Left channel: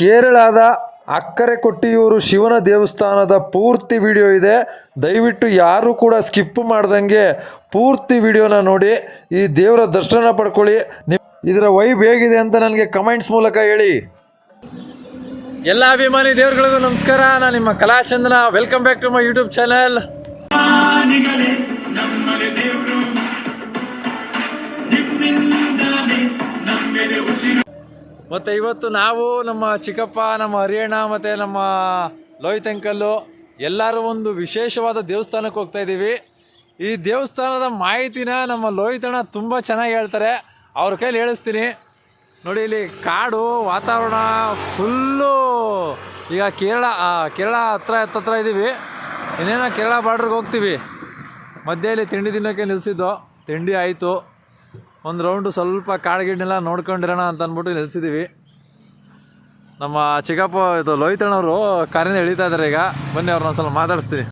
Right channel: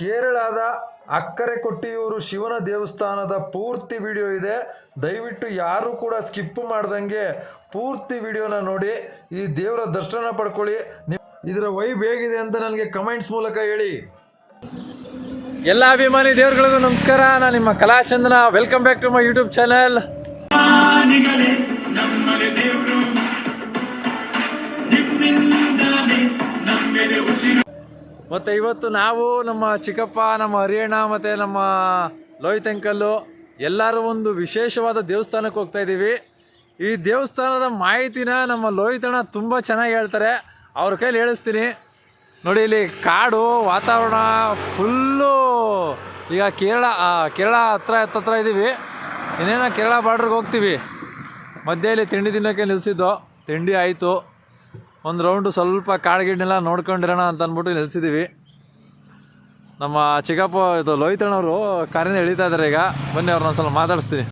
ಕೇರಳದ ಅಕ್ಕರೆ ಕೊಟ್ಟಿಯೂರು ಶಿವನ ದೇವಸ್ಥಾನದ ಪೂರ್ತಿ ವಿಡಿಯೋ ಇದೆ. ದಯವಿಟ್ಟು ಯಾರು ಕೂಡ ಸ್ಕಿಪ್ ಮಾಡ್ದಂಗೆ ಪೂರ್ತಿ ವಿಡಿಯೋನ ನೋಡಿ ಈ ದೇವರ ದರ್ಶನ ಪಡ್ಕೊಳ್ಳಿ. ಇದರ ವೈಬ್ ಹೇಗಿದೆ ಅಂತ ನನಗೆ ಕಮೆಂಟ್ಸ್ ಮೂಲಕ ಹೇಳಿ. ಎಲ್ಲ ಅಭಿಮಾನಿ ದೇವರುಗಳಿಗೂ ನಮಸ್ಕಾರ. ನಾನು ನಿಮ್ಮ Kalachandana. Welcome back to my YouTube channel. ಮತ್ತು ಇವತ್ತು ನಾವು ನಮ್ಮ ಚಿಕ್ಕಪ್ಪ, ನಮ್ಮ ಹರಿಯಣ್ಣ ಮತ್ತು ನಮ್ಮ ಲೋಹಿತ್ ಅಂಕಲ್ಲು ಎಲ್ಲರೂ ಒಂದು ವಿಶೇಷವಾದ ದೇವಸ್ಥಾನಕ್ಕೆ ಹೋಗ್ತಾ ಇದ್ದೀವಿ. ಈ ದೇವಸ್ಥಾನದ ಮಾಹಿತಿನ ನಮ್ಮ ಲೋಹಿತ್ ಅಣ್ಣ ತುಂಬ ಚೆನ್ನಾಗಿ ಹೇಳ್ತಾರೆ. ಅವ್ರ ಕೈಲಿ ಹೇಳಿಸ್ತೀನಿ ನೋಡಿ. ಇಲ್ಲಿ ಕಾಡು ವಾತಾವರಣ ಫುಲ್ಲು. ಈಗ ಕೇರಳ ಹತ್ರ ಇದ್ದೀವಿ. ಇನ್ನೇನೋ ಕೇರಳ ಬಾರ್ಡ್ರಿಗೆ ಹೋಗ್ತೀವಿ. ಮಧ್ಯೆಯಲ್ಲಿ ತಿಂಡಿ ತಿನ್ನೋಕ್ಕೆ ನಿಲ್ಲಿಸಿದ್ದು. ತಿಂಡಿ ಆಯಿತು. ಒಂದು ರೌಂಡು ಸ್ವಲ್ಪ ಕಾಡುಗಿಡ್ನೆಲ್ಲ ನೋಡ್ಕೊಂಡಿರೋಣ ಅಂತ ಅಂದ್ಬಿಟ್ಟು ನಿಲ್ಸಿದ್ದೀವಿ. ನಮ್ಮ ಚಿಕ್ಕಪ್ಪ ಇದು ಲೋಹಿತ್ ಅಣ್ಣವರು ಕಾರಿಂದ ಎಳಿತಾ ಇದ್ದಾರೆ. ಈಗ ಬನ್ನಿ ಅವ್ರನ್ನ ಸ್ವಲ್ಪ ಮಾತಾಡಿಸ್ತೀನಿ.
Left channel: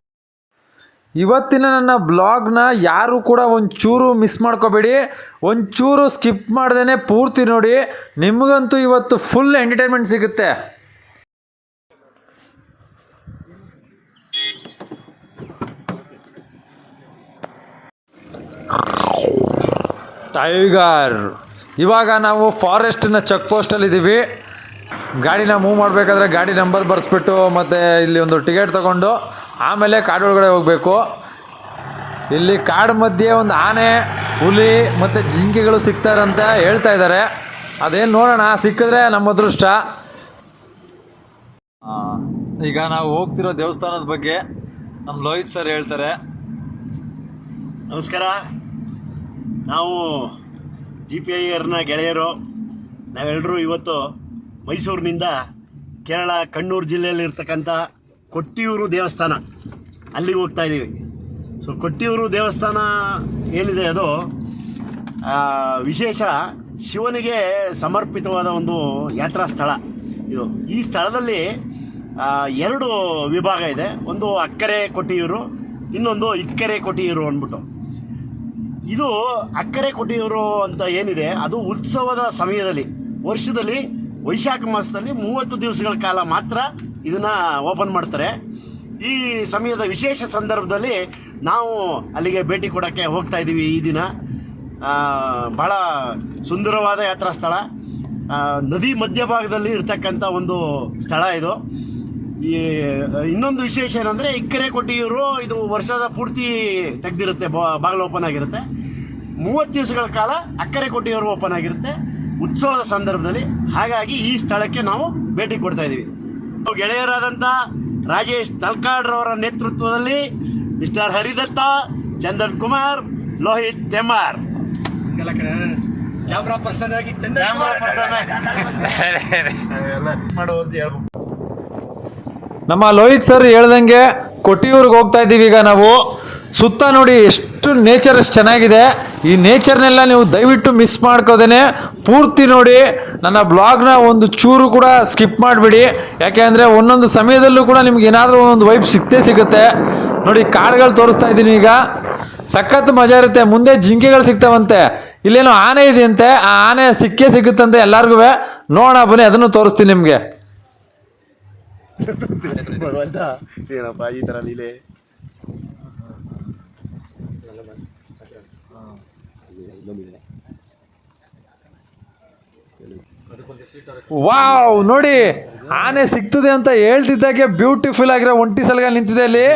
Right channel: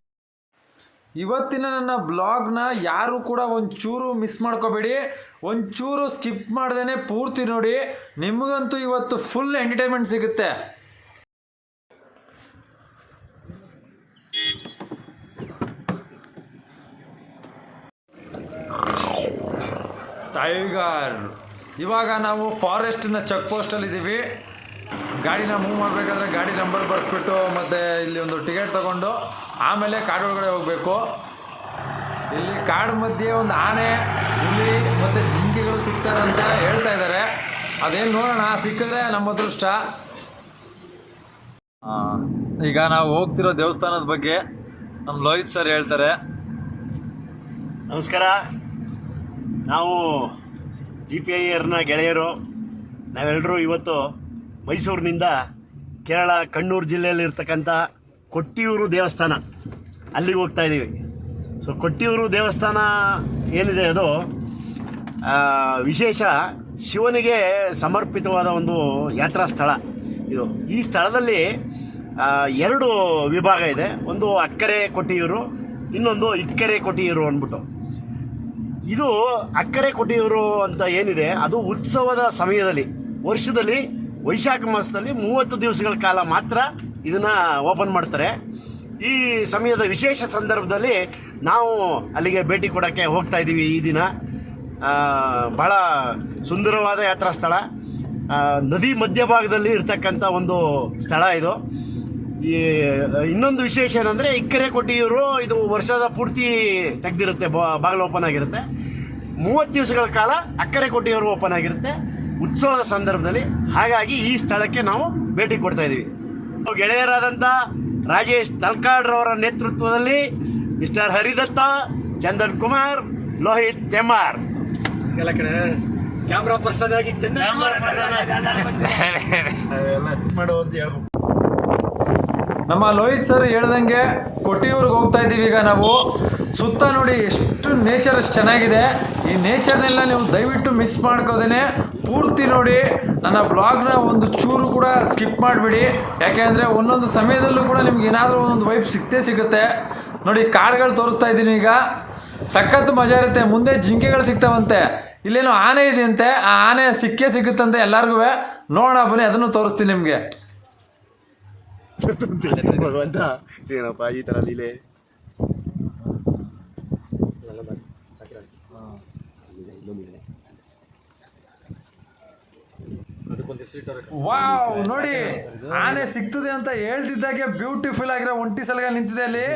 ಇವತ್ತಿನ ನನ್ನ ಬ್ಲಾಗ್ನ ಯಾರು ಕೂಡ ಒಂಚೂರು ಮಿಸ್ ಮಾಡ್ಕೋಬೇಡಿ. ಒಂಚೂರು ಸ್ಕಿಪ್ ಮಾಡ್ದೇ ಪೂರ್ತಿ ನೋಡಿ. ನಿಮಗಂತೂ ಇವತ್ತು ಫುಲ್ ಎಂಟರ್ಟೈನ್ಮೆಂಟ್ ಸಿಗುತ್ತೆ. ಟೈಗರ್. ಇವಾಗ ನಾವು ಫಾರೆಸ್ಟ್ನ ಚೆಕ್ ಪೋಸ್ಟಲ್ಲಿದ್ದೀವಿ. ಗಾಡಿನ ಮೂವ್ ಮಾಡಬೇಕಾದ್ರೆ ಗಾಡಿ ನಂಬರ್ ಬರೆಸ್ಬಿಟ್ಟು ಮತ್ತು ಇಲ್ಲಿ ಒಂದು ಟಿಕೆಟ್ ತೊಗೊಂಡು ಆಮೇಲೆ ಕಾಡೊಳಗಡೆ ಹೋಗಬೇಕು. ಇಲ್ಲಿ ಕಾಡು ಮಧ್ಯೆ ಒಂದು ಆನೆ, ಹುಲಿ ಮತ್ತು ಜಿಂಕೆಗಳು ಸಿಗ್ತಾರೆ ಅಂತ ಹೇಳ್ತಾ ಇದ್ದಾರೆ. ಅದೇನು ನೋಡೋಣ, ಸಿಕ್ಕಿದ್ರೆ ನಮ್ಮ ಅದೃಷ್ಟ. ಈಗ ನಾವು ಹೋಗ್ತಿರೋ ದೇವಸ್ಥಾನದ ಬಗ್ಗೆ ನಮ್ಮ ಲೋಹಿತ್ ಸರ್ ಹೇಳ್ತಾರೆ. ನಮಸ್ಕಾರ. ನಾವು GPIRನ ಗೆಳೆಯರು. ನಾವೆಲ್ಲರೂ ಇವತ್ತು ಮೈಸೂರಿನಿಂದ ಕೇರಳ ಕಣ್ಣೂರು ಜಿಲ್ಲೆಯಲ್ಲಿರ್ತಕ್ಕಂಥ ಕೊಟ್ಟಿಯೂರು ದೇವಸ್ಥಾನ ಅಲ್ಲಿಗೆ ಹೋಗ್ತಾ ಇದ್ದೀವಿ. ಸೊ ಕೊಟ್ಟಿಯೂರು ದೇವಸ್ಥಾನ ಏನಿದೆ ಅದು ವಿಶೇಷ ಶಿವನಿಗೆ ಸಮರ್ಪಿತವಾದ ಒಂದು ಯಾತ್ರಾ ಸ್ಥಳ ಇದು. ಈ ಸ್ಥಳದಲ್ಲಿ 2 ವಿಭಾಗ ಇದೆ. ಒಂದು ಅಕ್ಕರೆ ಕೊಟ್ಟಿಯೂರು, ಇನ್ನೊಂದು ಇಕ್ಕರೆ ಕೊಟ್ಟಿಯೂರು ಅಂದ್ಬಿಟ್ಟು. ಇದು ಅಕ್ಕರೆ ಕೊಟ್ಟಿಯೂರು ಅಂತ ಏನಿದೆ ಅದು ಉತ್ಸವದ ಸಮಯದಲ್ಲಿ, ವರ್ಷದಲ್ಲಿ ವೈಶಾಖ ಮಾಸದಲ್ಲಿ 30 ದಿವಸಗಳ ಕಾಲ ಮಾತ್ರ ಇದನ್ನು ಓಪನ್ ಮಾಡ್ತಾರೆ. ಈ ಸಮಯದ ವಿಶೇಷ ಸಂದರ್ಭದಲ್ಲಿ ನಾವು ಅಲ್ಲಿಗೆ ಭೇಟಿ ಕೊಡೋಕ್ಕೆ ಹೋಗ್ತಾ ಇದ್ದೀವಿ. ಈ ದಿನ ಭಾಳ ಸುಂದರವಾದ ಯಾತ್ರಾ ಸ್ಥಳ. ನದಿ ಮಧ್ಯಭಾಗದಲ್ಲಿ ಇರ್ತಕ್ಕಂಥ ಒಂದು ಸ್ಥಳ ಇದು. ಈ ಇನ್ನೊಂದು ವಿಶೇಷ ಏನಂದರೆ ಇಕ್ಕರೆ ಕೊಟ್ಟಿಯೂರು ಇದು ವರ್ಷದ ಪೂರ್ತಿ ತೆಗೆದಿರುತ್ತೆ, ಬಾಗಿಲು ಓಪನ್ ಆಗಿರುತ್ತೆ. 30 ದಿವಸಗಳ ಕಾಲ ಅಕ್ಕರೆ ಕೊಟ್ಟಿಯೂರು ಓಪನ್ ಆಗಿರುತ್ತೆ ಉತ್ಸವದ ಸಂದರ್ಭದಲ್ಲಿ. ಹಾಗಾಗಿ ಈ ಸ್ಥಳಕ್ಕೆ ನಾವು ಭೇಟಿ ಕೊಡ್ತಾ ಇದ್ದೀವಿ. ಗೆಳೆಯರಾದಂಥ ರಾಜೇಶ್ ತಲ್ಕಾಡ್ರವರ ನೇತೃತ್ವದಲ್ಲಿ ಮಿಸ್ಟರ್ ಹರಿದತ್ತ, ಚಂದನ್ ಕುಮಾರ್, ಲೋಹಿತ್ ತೆಮಾರ್ ಕ್ಯಾಮ್ರಾ ಪರ್ಸನ್ ಆಗಿ ಮಾಡುವಂತ ಹೇಳ್ಬೋದು. ನಮ್ಮ ಲೋಹಿತ್ ಸರ್ ಹೇಳ್ದಂಗೆ ಕೊಟ್ಟಿಯೂರಿಗೆ ಹೋಗ್ತಾ ಇದ್ದೀವಿ. ಈಗ ನಾವು ಸುತ್ತ ನೋಡಿ ಎಷ್ಟು ನೇಚರ್ ಎಷ್ಟು ಚೆನ್ನಾಗಿದೆ. ಈ ನೇಚರ್ನೆಲ್ಲ ನೀವು ದಯವಿಟ್ಟು ಮಿಸ್ ಮಾಡ್ಕೋದೇನೆ ಪೂರ್ತಿ ನೋಡಿ. ನನ್ನ ಬ್ಲಾಗ್ನ ಒಂದು ಚೂರು ಕೂಡ ಸ್ಕಿಪ್ ಮಾಡಿಬಿಡಿ. ಯಾಕೆಂದರೆ ಒಂದೊಂದು ಸಮಯದಲ್ಲೂ ಕೂಡ ನಿಮ್ಗೆ ಏನಾದರೂ ಒಂದು ವೈಬ್ ಸಿಗುತ್ತೆ. ನೋಡಿ ಕಾಡುಗಳು ತೋರಿಸ್ತಾ ಇದ್ದೀನಿ. ಈಗ ಸಖತ್ ಮಜಾ ಇರುತ್ತೆ. ಮುಂದೆ ಜಿಂಕೆಗಳು ಸಿಗ್ತಾವಂತೆ. ಇಲ್ಲೇನೋ ಆನೆ ಇದೆಯಂತೆ. ಆ ಆನೆ ಸಿಗುತ್ತಂತೆ ಎಲ್ಲರಿಗೂ. ನೋಡೋಣ ಬನ್ನಿ, ಅದನ್ನು ತೋರಿಸ್ತೀನಿ ನಿಮಗೆ. ಭಗವಂತ ಏನಪ್ಪ ಈ ಥರ ಲೀಲೆ. ವಾವ್, ನೋಡಿ ಆನೆ ಸಿಗ್ತದೆ ಅಂತ ಹೇಳ್ತಿದ್ದಾಗೆ ಬ್ಯೂಟಿಫುಲ್ ಆಗಿರೋ ಒಂಟಿ ಸಲಗ ನಿಂತಿದೆ ಅಲ್ಲಿ.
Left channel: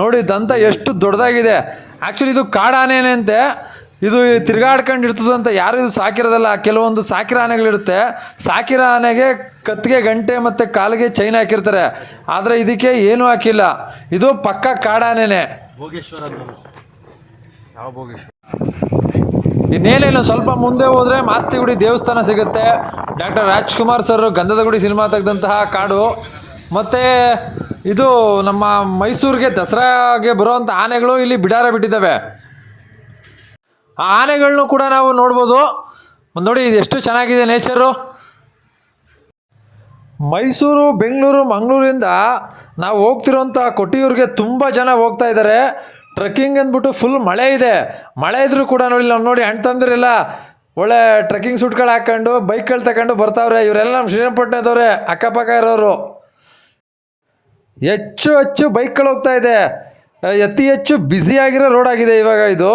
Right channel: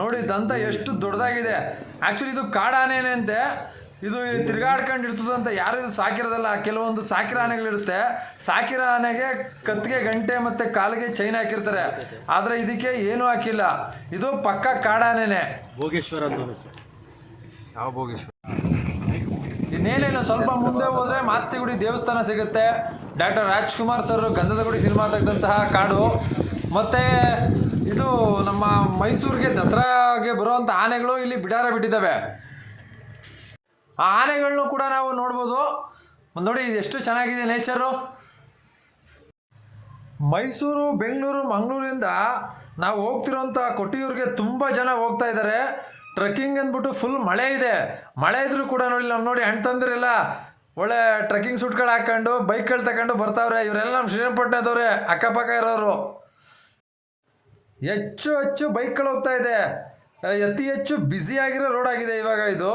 ನೋಡಿ ದಂತ ಎಷ್ಟು ದೊಡ್ಡದಾಗಿದೆ. ಆ್ಯಕ್ಚುಲಿ ಇದು ಕಾಡು ಆನೆನೇ ಅಂತೆ. ಇದು ತಿರುಗಾಡ್ಕೊಂಡು ಇರ್ತದಂತ. ಯಾರು ಇದು ಸಾಕಿರೋದಲ್ಲ. ಕೆಲವೊಂದು ಸಾಕಿರೋ ಆನೆಗಳಿರುತ್ತೆ. ಸಾಕಿರೋ ಆನೆಗೆ ಕತ್ತಿಗೆ ಗಂಟೆ ಮತ್ತು ಕಾಲಿಗೆ ಚೈನ್ ಹಾಕಿರ್ತಾರೆ. ಆದರೆ ಇದಕ್ಕೆ ಏನೂ ಹಾಕಿಲ್ಲ. ಇದು ಪಕ್ಕ ಕಾಡಾನೆನೇ. ಭೋಗೇಶ್ವರ. ಯಾವ ಭೋಗೇಶ್ವರ? ಇನ್ನೇನಿಲ್ಲ, ಸ್ವಲ್ಪ ಮುಂದೆ ಹೋದರೆ ಮಾಸ್ತಿಗುಡಿ ದೇವಸ್ಥಾನ ಸಿಗುತ್ತೆ. ಡಾಕ್ಟರ್ ರಾಜ್ಕುಮಾರ್ ಸರ್ ಗಂಧದ ಗುಡಿ ಸಿನಿಮಾ ತೆಗೆದಂತಹ ಕಾಡು. ಮತ್ತು ಇದು ನಮ್ಮ ಮೈಸೂರಿಗೆ ದಸರಾಗೆ ಬರುವಂಥ ಆನೆಗಳು ಇಲ್ಲಿ ಬಿಡಾರ ಬಿಟ್ಟಿದ್ದಾವೆ. ಆ ಆನೆಗಳನ್ನು ಕೂಡ ನಾವು ನೋಡ್ಬೋದು. ನೋಡಿ ಇದು ಎಷ್ಟು ಚೆನ್ನಾಗಿದೆ ನೇಚರು. ಮೈಸೂರು, ಬೆಂಗಳೂರು, ಮಂಗಳೂರಿಂದ ನಾವು ಹೋಗ್ತಿರೋಂಥ ಕೊಟ್ಟಿಯೂರಿಗೆ ತುಂಬ ಜನ ಹೋಗ್ತಾ ಇದ್ದಾರೆ. ಟ್ರೆಕ್ಕಿಂಗ್ ಅಂದ್ಬಿಟ್ಟು ಫುಲ್ ಮಳೆ ಇದೆ. ಮಳೆ ಇದ್ರೂ ಕೂಡ ನೋಡಿ, ನಾವು ನೋಡಿ ಅಣ್ಣ ತಂದ್ರೆಲ್ಲ ಒಳ್ಳೆ ಟ್ರೆಕ್ಕಿಂಗ್ ಸೂಟ್ಗಳು ಹಾಕೊಂಡು ಬೈಕ್ಗಳು ತಗೊಂಡು ಬರ್ತಾವ್ರೆ. ಇವರೆಲ್ಲ ನಮ್ಮ ಶ್ರೀರಂಗಪಟ್ಟಣದವ್ರೆ, ಅಕ್ಕಪಕ್ಕ ಇರೋರು. ಹೆಚ್ಚು ಹೆಚ್ಚು ಬೈಕ್ಗಳು ಹೋಗ್ತಾ ಇದೆ. ಅತಿ ಹೆಚ್ಚು ಬ್ಯುಸಿಯಾಗಿರೋ ರೋಡ್ ಆಗಿದೆ ಇವಾಗ ಇದು.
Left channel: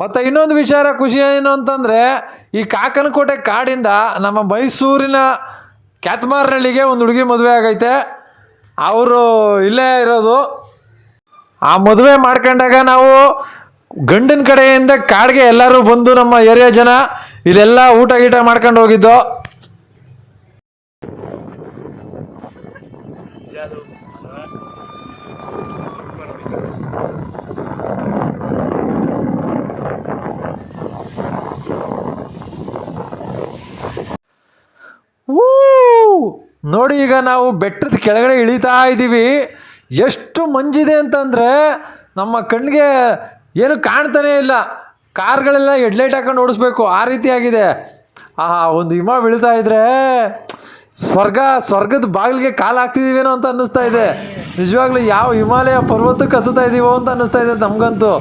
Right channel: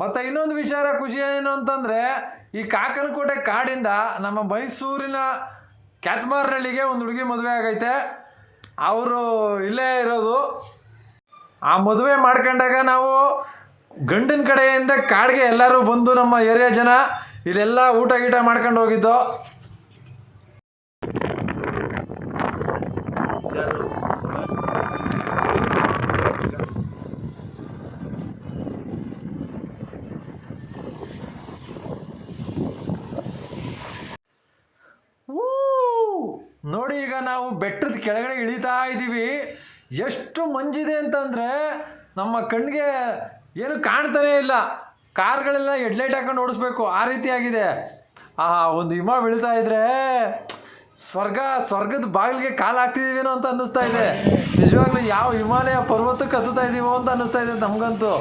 ಮತ್ತು ಇನ್ನೊಂದು ವಿಚಾರ ಖುಷಿ ಏನು ಅಂತಂದರೆ, ಈ ಕಾಕನಕೋಟೆ ಕಾಡಿಂದ ನಮ್ಮ ಮೈಸೂರಿನ ಕ್ಯಾತ್ಮಾರ್ನಳ್ಳಿಗೆ ಒಂದು ಹುಡುಗಿ ಮದುವೆ ಆಗೈತೆ. ಅವರು ಇಲ್ಲೇ ಇರೋದು. ಆ ಮದುವೆ ಮಾಡ್ಕೊಂಡಾಗ ನಾವು ಗಂಡನ ಕಡೆಯಿಂದ ಕಾಡಿಗೆ ಎಲ್ಲರೂ ಬಂದು ನಮ್ಮ ಏರಿಯಾ ಜನ ಇಲ್ಲೆಲ್ಲ ಊಟ ಗೀಟ ಮಾಡ್ಕೊಂಡು ಹೋಗಿದ್ದು. ನೋಡಿ, ಈಗ ನಾವು ಬೆಟ್ಟದ ಕೆಳಗಡೆ ಇಳಿತಾ ಇದ್ದೀವಿ. ಎಷ್ಟು ಮಂಜಿದೆ ಅಂತಂದರೆ ನಮ್ಮ ಕಣ್ಣಿಗೆ ಏನು ಕಾಣ್ತಾನೇ ಇಲ್ಲ. ಕಾರ್ಗಳೆಲ್ಲ ಹೆಡ್ಲೈಟ್ ಹಾಕೊಂಡು ಓಡಿಸ್ಬೇಕು, ಆ ರೀತಿ ಆಗಿದೆ. ಒಂದು ಹಿಮ ಬೀಳ್ತಾ ಇದ್ರೆ ಸ್ವರ್ಗದ ಬಾಗಿಲಿಗೆ ಕಾಲು ಹಾಕ್ತಿದ್ದೀವೇನೋ ಅಂತ ಅನ್ನಿಸ್ತಾ ಇದೆ. ನಿಜವಾಗ್ಲೂ ಯಾವ ಹಿಮಾಲಯ ಪರ್ವತಕ್ಕೆ ಹತ್ತುತ್ತಾ ಇದ್ದೀವೋ ಅಂತ ಅನ್ನಿಸ್ತಾ ಇದೆ ನಮಗಂತೂ.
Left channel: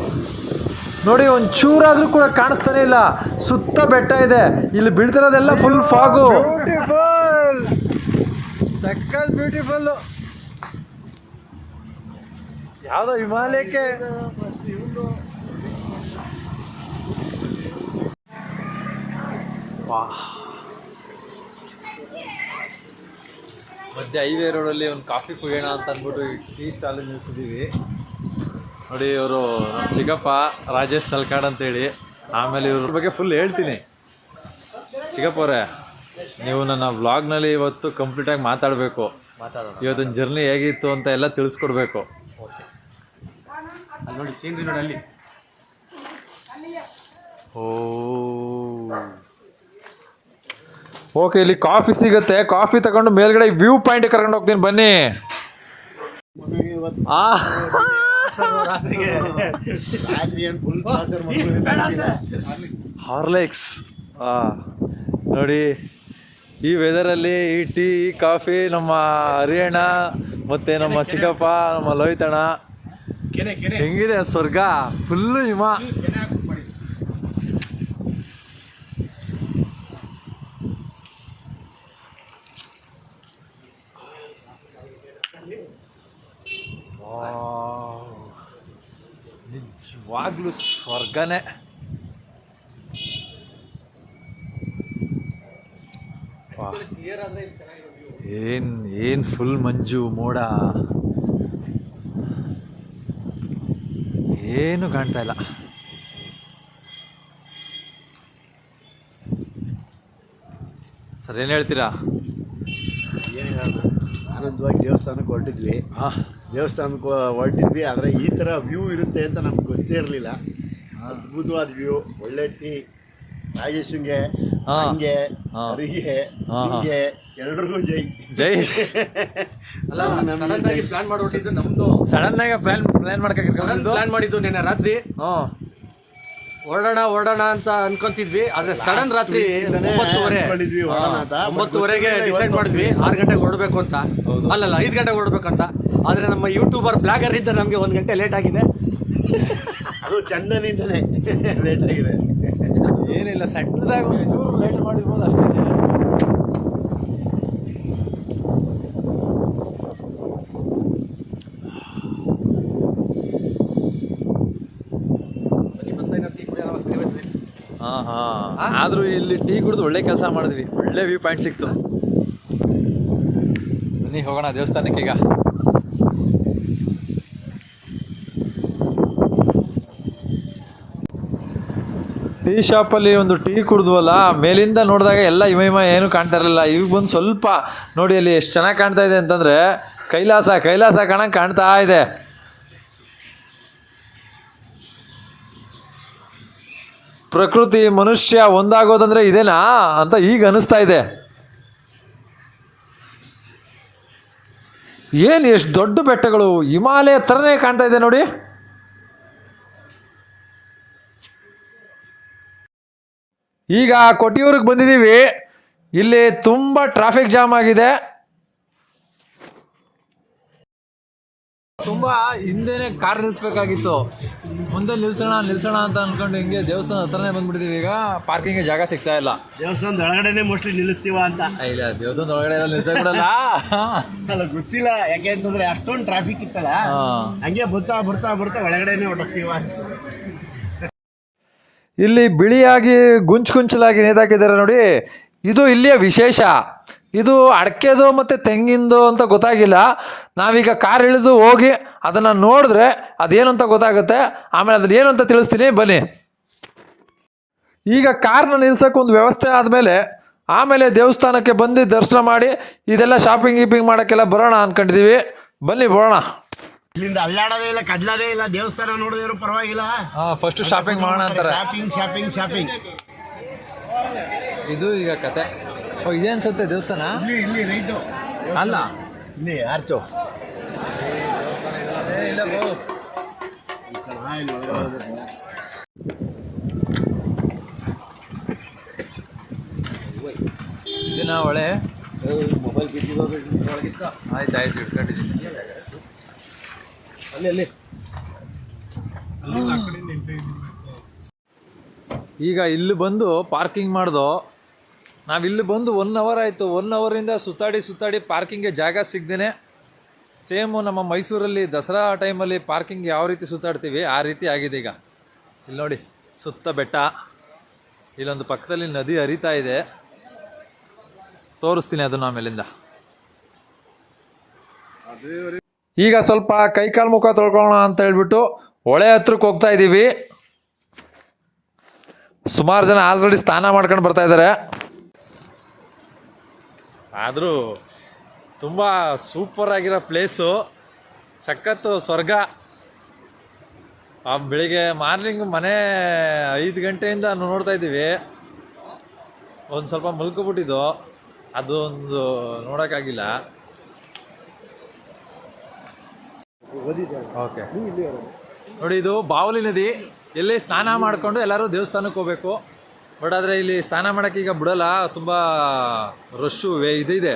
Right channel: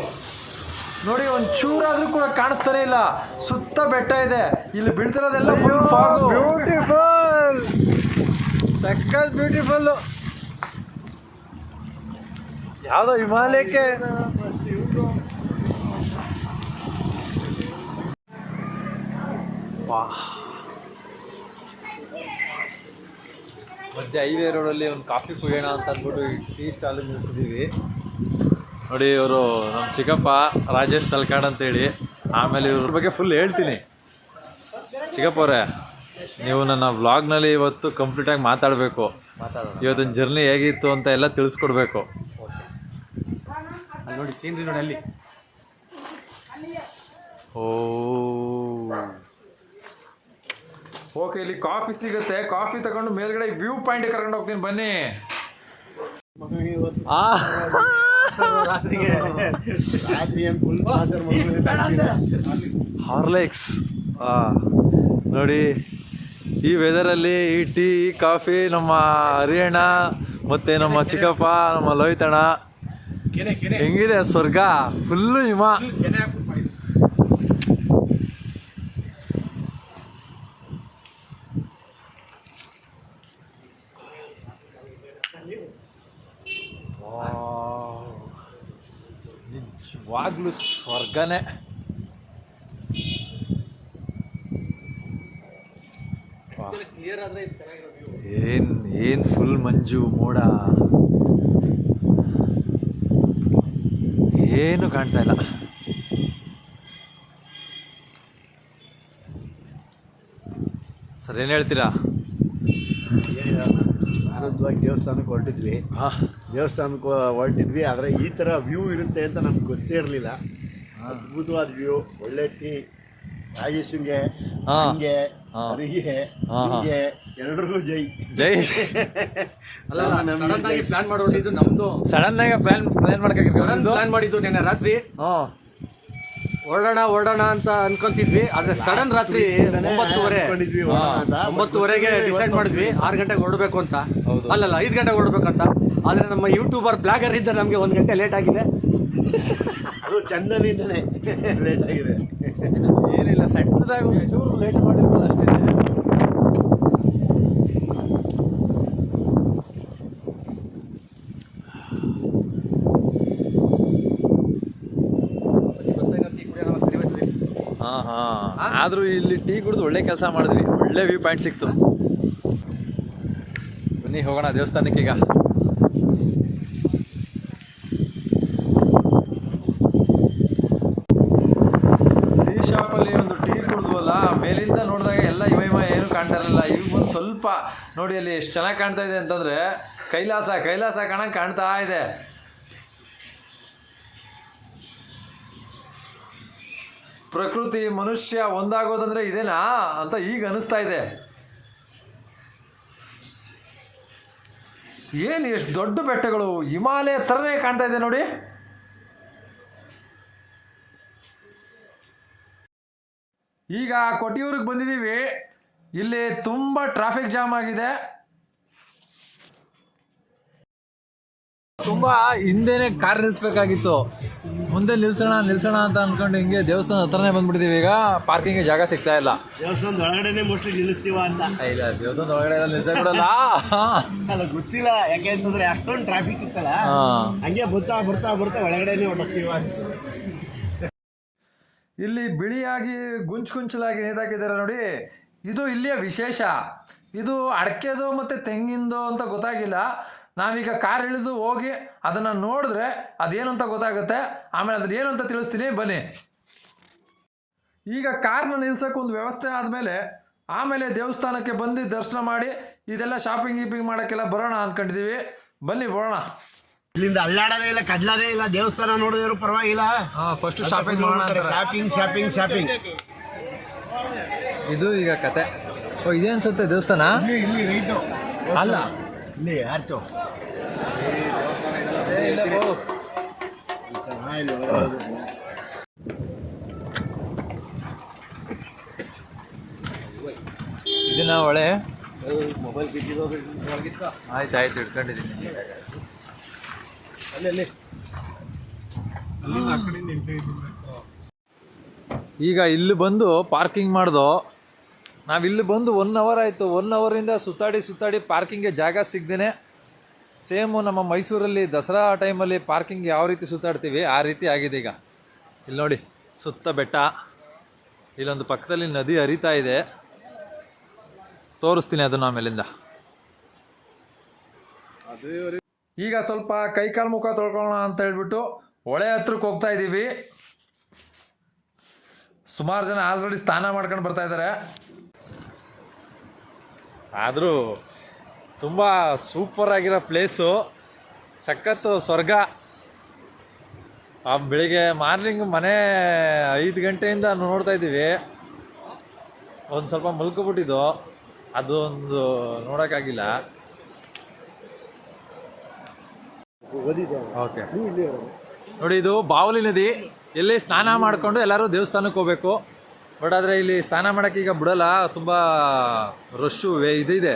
ನೋಡಿ, ಒಂದು ಚೂರಾದರೂ ಕೂಡ ಕಾಣಿಸ್ತಾನೆ ಇಲ್ಲ. ಸುತ್ತ ಬೆಟ್ಟ ಇದೆ, ಇಲ್ಲಿ ಬೀಳ್ತಿರೋದೆಲ್ಲ ಫುಲ್ ಫಾಗು. ಬ್ಯೂಟಿಫುಲ್, ಸಕ್ಕತ್ ಬ್ಯೂಟಿಫುಲ್ಲು. ಯಾವುದೋ ಹಿಮಾಲಯಕ್ಕೆ ಮಧ್ಯೆ ಹೈವೇ ರೋಡಲ್ಲಿ ಒಂದು ಕಾಫಿ ಕುಡಿಯೋಣ ಅಂತ ಅಂದ್ಬಿಟ್ಟು ಈ ಟೀ ಸ್ಟಾಲ್ ನಿಲ್ಲಿಸಿದ್ದೀವಿ. ನೋಡಿ, ಇವರು ನಮ್ಮ ಚಿಕ್ಕಪ್ಪ ರಾಜೇಶ್ ತಲ್ಕಾಡ್ ಅಂತೇಳಿ. ಆಮೇಲೆ ಇವ್ರ ಬಗ್ಗೆ ಫುಲ್ ಹೇಳ್ತೀನಿ. ಚಿಕ್ಕಪ್ಪ ಅವರೇ, ನೀವು ನನ್ನ ವ್ಲಾಗ್ನಲ್ಲಿ ಇವತ್ತು ಕಂಪ್ಲೀಟಾಗಿ ಮಾತಾಡಬೇಕು. ಇವತ್ತಿನ ಜರ್ನಿ ಹೇಗಿತ್ತು ಅಂತ ಎಲ್ಲ ತಿಳಿಸ್ಕೊಡ್ಬೇಕು. ಅಲ್ಲಿ ನೋಡಿ, ಸೀನ್ರಿ ನೋಡಿ ಅಲ್ಲಿ. ಓಕೆ, ಇಲ್ಲಿ ಕಾಫಿ ಸಿಗುತ್ತೆ. ಕಾಫಿ ತಗೊಂಡು ಮೇಲ್ಗಡೆ ವ್ಯೂ ಪಾಯಿಂಟ್ ಕರ್ಕೊಂಡು ಹೋಗ್ತೀನಿ, ಬನ್ನಿ. ಹಾರ್ಲಿಕ್ಸ್ ನೋಡಿ, ಈ ವೆದರಲ್ಲಿ ಈ ಟೀ ಕಾಫಿ ನಮ್ಮ ಹರಿಯಣ್ಣ ಮತ್ತು ನಮ್ಮ ಚಿಕ್ಕಪ್ಪ ನಮ್ಮ ಲೋಹಿತಣ್ಣ, ಹೆಂಗಿದೆ ಸ್ವರ್ಗ. ಫುಲ್ಲು ಹಿಮ. ನಿಜವಾಗ್ಲೂ ಸ್ವರ್ಗನೇ. ಏನ್ ಫುಲ್ ಮಂಜು ಮೋಡ, ಏನು ಕಾಣ್ತಾ ಇಲ್ಲ. ಸರ್, ಏನು ಹೇಳ್ತೀರಾ? ಆನಂದವಾಗಿ ದೇವಸ್ಥಾನಕ್ಕೆ ಹೊರಟಿದ್ವಿ. ಆದರೆ ಈ ಥರ ವ್ಯೂ ಇರುತ್ತೆ ಅಂತ ನಮ್ಗೆ ಗೊತ್ತೇ ಇರಲಿಲ್ಲ. ಅದ್ಭುತವಾದ ವ್ಯೂ, ಒಳ್ಳೆ ಟೀ. ರಾಜೇಶ್ಗೆ, ಹಂಗೆ ಅವರಿಗೆ, ಹಿಂಗೆ ಎಲ್ರಿಗೂ ಜೈ ಜೈ. ಸಡನ್ ಆಗಿ ಪ್ಲಾನ್ ಮಾಡಿದ್ದು ನಿನ್ನೆ ರಾತ್ರಿ. ಹೊರಡೋಣ ಅಂತ ಅನ್ಕೊಂತಿದ್ವಿ. ಆದ್ರೆ ಸಡನ್ ರಾತ್ರಿ 9:30ಗೆ ಡಿಸೈಡ್ ಮಾಡಿದ್ವಿ 6 ಗಂಟೆಗೆ ಹೊರಡಬೇಕು ಅಂತ. ಅಲ್ಲಲ್ಲ 5 ಗಂಟೆಗೆ ಹೊರಡ್ಬೇಕಂತ. ಆದ್ರೆ ನಮ್ಮ ಯೂಟ್ಯೂಬರ್ ಬ್ಲಾಗರ್ ಇದ್ದ ನಮಗೆ 1 ಗಂಟೆ ಲೇಟ್ ಆಗಿದೆ. ಅದು ಚಂದನಿಂದನೇ ಲೇಟ್ ಆಗಿದೆ. ಏನಿಲ್ಲ, ಸಣ್ಣದಾಗ ಲೇಟ್ ಮಾಡಿರ್ಬೋದು ಅಷ್ಟೇ. ಆದರೂ ಇಲ್ಲಿ ಟೀ ಕುಡಿದು ಒಳ್ಳೆ ಕೆಲಸ ಮಾಡಿದ್ವಿ. ಒಳ್ಳೆ ವ್ಯೂ ಪಾಯಿಂಟ್ ಸಿಕ್ತು. ಬನ್ನಿ ಹೋಗೋಣ ದೇವಸ್ಥಾನಕ್ಕೆ. ಈಗ ಟೀ ಶಾಪಲ್ಲಿ ಒಂದು ಟೀ ಕುಡಿದ್ವಲ್ಲ, ಮೇಲಿಂದ ನೋಡಿದಾಗ ಎಲ್ಲ ಹಿಮ ಏನು ಕಾಣ್ತಾ ಇರಲಿಲ್ಲ. ಈಗ ಬಂದು ಸ್ವಲ್ಪ ನೋಡಿ, ಅಲ್ಲಿ ಎಷ್ಟು ಚೆನ್ನಾಗಿ ಕಾಣ್ತಾ ಇದೆ ಅಂತಂದರೆ ಕೈಲಾಸ ಕಾಣಂಗೆ ಕಾಣ್ತಾ ಇದೆ. ಪ್ರಕೃತಿ ಮನುಷ್ಯ ಒಂದಾಗೋದಂದ್ರೆ ಇದೇನಾ ಅಂತ ಈಗ ಅನಿಸ್ತಾ ಇದೆ. ಏನು ಎಷ್ಟು ದೊಡ್ಡ ಬೆಟ್ಟಗಳು, ಹಿಮಾಲಯ ಥರನೇ ಕಾಣ್ತಾ ಇದೆ ನೋಡಿ. ಈಗ ಕೊಟ್ಟಿಯೂರಿಗೆ ಬಂದಿದ್ದೀವಿ. ಇಲ್ಲಿ ತುಂಬ ಟ್ರಾಫಿಕ್ ಜಾಮ್ ಆಗಿದೆ. ತುಂಬ ಹಿಂದೆನೇ ಕಾರ್ ನಿಲ್ಲಿಸ್ಬೇಕಾಗಿತ್ತು, ಮುಂದೆ ನಿಲ್ಸೋಣ ಅಂತ ಅನ್ಕೊಂಡು ಹಿಂಗೆ ದೇವಸ್ಥಾನ ಹತ್ರನೇ ಬಂದ್ಬಿಟ್ಟಿದೀವಿ. ಈಗ ಪಾರ್ಕಿಂಗ್ಗೆ ಜಾಗ ಸಿಗ್ತಾ ಇಲ್ಲ. ದೇವಸ್ಥಾನದ ಒಳಗಡೆನೆ ಮೋಸ್ಟ್ಲಿ ನಿಲ್ಲಿಸ್ತೀವ ಅಂತ. ಇಲ್ಲ, ದೇವಸ್ಥಾನದ ಒಳಗಡೆ ಎಲ್ಲ ನಿಲ್ಸಕ್ಬಿಡಲ್ಲ. ಅಲ್ಲ ಗೊತ್ತಿಲ್ಲ, ಯಾಕೆ ಅಂತಂದ್ರೆ ಅಷ್ಟೊಂದು ಟ್ರಾಫಿಕ್ ಇತ್ತಲ್ಲ, ಹಂಗೆ ಬರ್ತಾ ಬರ್ತಾ ಬರ್ತಾ ಒಳಗಡೆನೆ ಹೊರಟೋಗ್ತೀವ. ಇಲ್ಲಿ ಬಿಳಿಯಾಗಿ ಗುಂಚಲಾಗಿ ನೇತಾಕಿದ್ದಾರೆ ನೋಡಿ, ಇದು ಇಲ್ಲಿಯ ವಿಶೇಷ. ಇದು ಅಡಕೆದು ಮತ್ತು ತೆಂಗಿಂದು ಅಂತ ಗೊತ್ತಾಗಿಲ್ಲ. ನಾವೀಗ ಕಾರ್ ಇಳಿದು ಹೋಗಿ ಅದನ್ನು ನೋಡಿದ್ರೆ ಅದೇನು ಅಂತ ಗೊತ್ತಾಗುತ್ತೆ. ಆಮೇಲೆ ಅದ್ರಲ್ಲಿ ಏನು ಅಂತ ತಿಳಿಸ್ತೀನಿ, ಬನ್ನಿ. ಈಗ ಕಾರ್ನ ನಿಲ್ಸೋಕೆ ಒಂದು ವ್ಯವಸ್ಥೆ ಆದಮೇಲೆ ಆಮೇಲೆ ದೇವಸ್ಥಾನಕ್ಕೆ ಬಂದು ದರ್ಶನ ಮಾಡಿ ಇದೆಲ್ಲ ಶಾಪಿಂಗ್ ಮಾಡೋಕ್ಕೆಲ್ಲ ಬರೋಣ ಅಂದ್ಕೊಂಡಿದ್ದೀವಿ. ಬನ್ನಿ ಬರೋಣ. ಇಲ್ಲಿಂದ ಅಲ್ಲಾಡೋದೇ ಇಲ್ಲ, ಕಡ್ಲೋದೇ ಇಲ್ಲ, ದೇವಸ್ಥಾನ ನೋಡಿದ್ರು ಪರವಾಗಿಲ್ಲ. ಫಸ್ಟ್ ಶಾಪಿಂಗ್ ಮಾಡೋಣ ಅಂತಾರೆ. ಶಾಪಿಂಗ್. ಇದು ಈಗ ಕತೆ. ಇದೆ ಅನ್ಸುತ್ತೆ ದೇವಸ್ಥಾನ. ಇಲ್ಲಿ ರೈಟು ಅಲ್ಲ, ಇಲ್ಲಿ ಆರ್ಚು ಇಲ್ಲ ಬೋ. ಇದನ್ನ ಒಳ್ಳೆ ಆಯ್ತು ಇಟ್ಕೊಂಡಿದ್ದೀನಿ. ಅಲ್ಲಿ ಈಗ ಇಲ್ಲಿ ಬಂದು ಪಾರ್ಕಿಂಗ್ ಮಾಡ್ದು. ನಾವಿಲ್ಲಿ ಬಂದು 1 ಅವರ್ ಆಯಿತು. 1 ಅವರಿಂದ ಸುತ್ತಾಡಿ ಪಾರ್ಕಿಂಗ್ಗೆ ಜಾಗ ಸಿಗ್ದೇ, ಸೇಮು ನಮ್ಮ ಮೈಸೂರಲ್ಲಿ ದಸರಾ ಟೈಮಲ್ಲಿ ಪಾರ್ಕಿಂಗ್ ಯಾವ ರೀತಿ ಸುತ್ತಾಡ್ತೀವಿ ಆ ರೀತಿ ಆಗಿದೆ ಈಗ. ಇಲ್ಲಿ ನೋಡಿ, ಸುತ್ತ ಬೆಟ್ಟ, ಇಲ್ಲೊಂದು ಪಕ್ಕದಲ್ಲಿ ನದಿ ಹರಿತಾ ಇದೆ, ತೋರಿಸ್ತೀನಿ ಅದನ್ನು ಆಮೇಲಿಂದ. ಈಗ ಸ್ವಲ್ಪ ಕೈಕಾಲು ಮುಖ ತೊಳ್ಕೊಳ್ಳೋಣ ಅಂತ ಹೇಳ್ಬಿಟ್ಟು ಹೊಳೆ ಹತ್ರಕ್ಕೆ ಹೋಗ್ತಾ ಇದ್ದೀವಿ. ಸುಮಾರು ಜನ ಆಲ್ರೆಡಿ ಸ್ನಾನ ಮಾಡ್ಕೊಂಡು ಬರ್ತಾ ಇದ್ದಾರೆ. ಆದರೂ ತುಂಬ ಸೂಪರ್ ಆಗಿರೋ ಪ್ಲೇಸು, ಸಖತ್ತು ಸ್ವರ್ಗ. ಬೆಳಿಗ್ಗೆ ಮಾರ್ನಿಂಗ್ ಮನೆ 5 ಗಂಟೆಯಿಂದ ನೋಡ್ತಾ ಇದ್ದೀವಿ. ಒಂದು ಸ್ವಲ್ಪ ಮಲ್ಕೊಬಿಟ್ಟಿದ್ದು, ಅದೊಂದು ನೋಡೋಕ್ಕಾಗಿಲ್ಲ. ಓಕೆ ನೋಡಿ, ಇದು ಬಾವಲಿ ನದಿ. ಇಲ್ಲಿ ಸ್ನಾನ ಮಾಡಿಕೊಂಡು ಎಲ್ಲರೂ ದೇವಸ್ಥಾನಕ್ಕೆ ಹೋಗಬೇಕು. ಬಟ್ ಆದರೆ ಇಲ್ಲಿ ಸ್ನಾನ ಮಾಡೋಕ್ಕೆ ಈಗ ಬಿಡಲ್ಲ, ತುಂಬ ರಶ್ಶು ಇದೆ.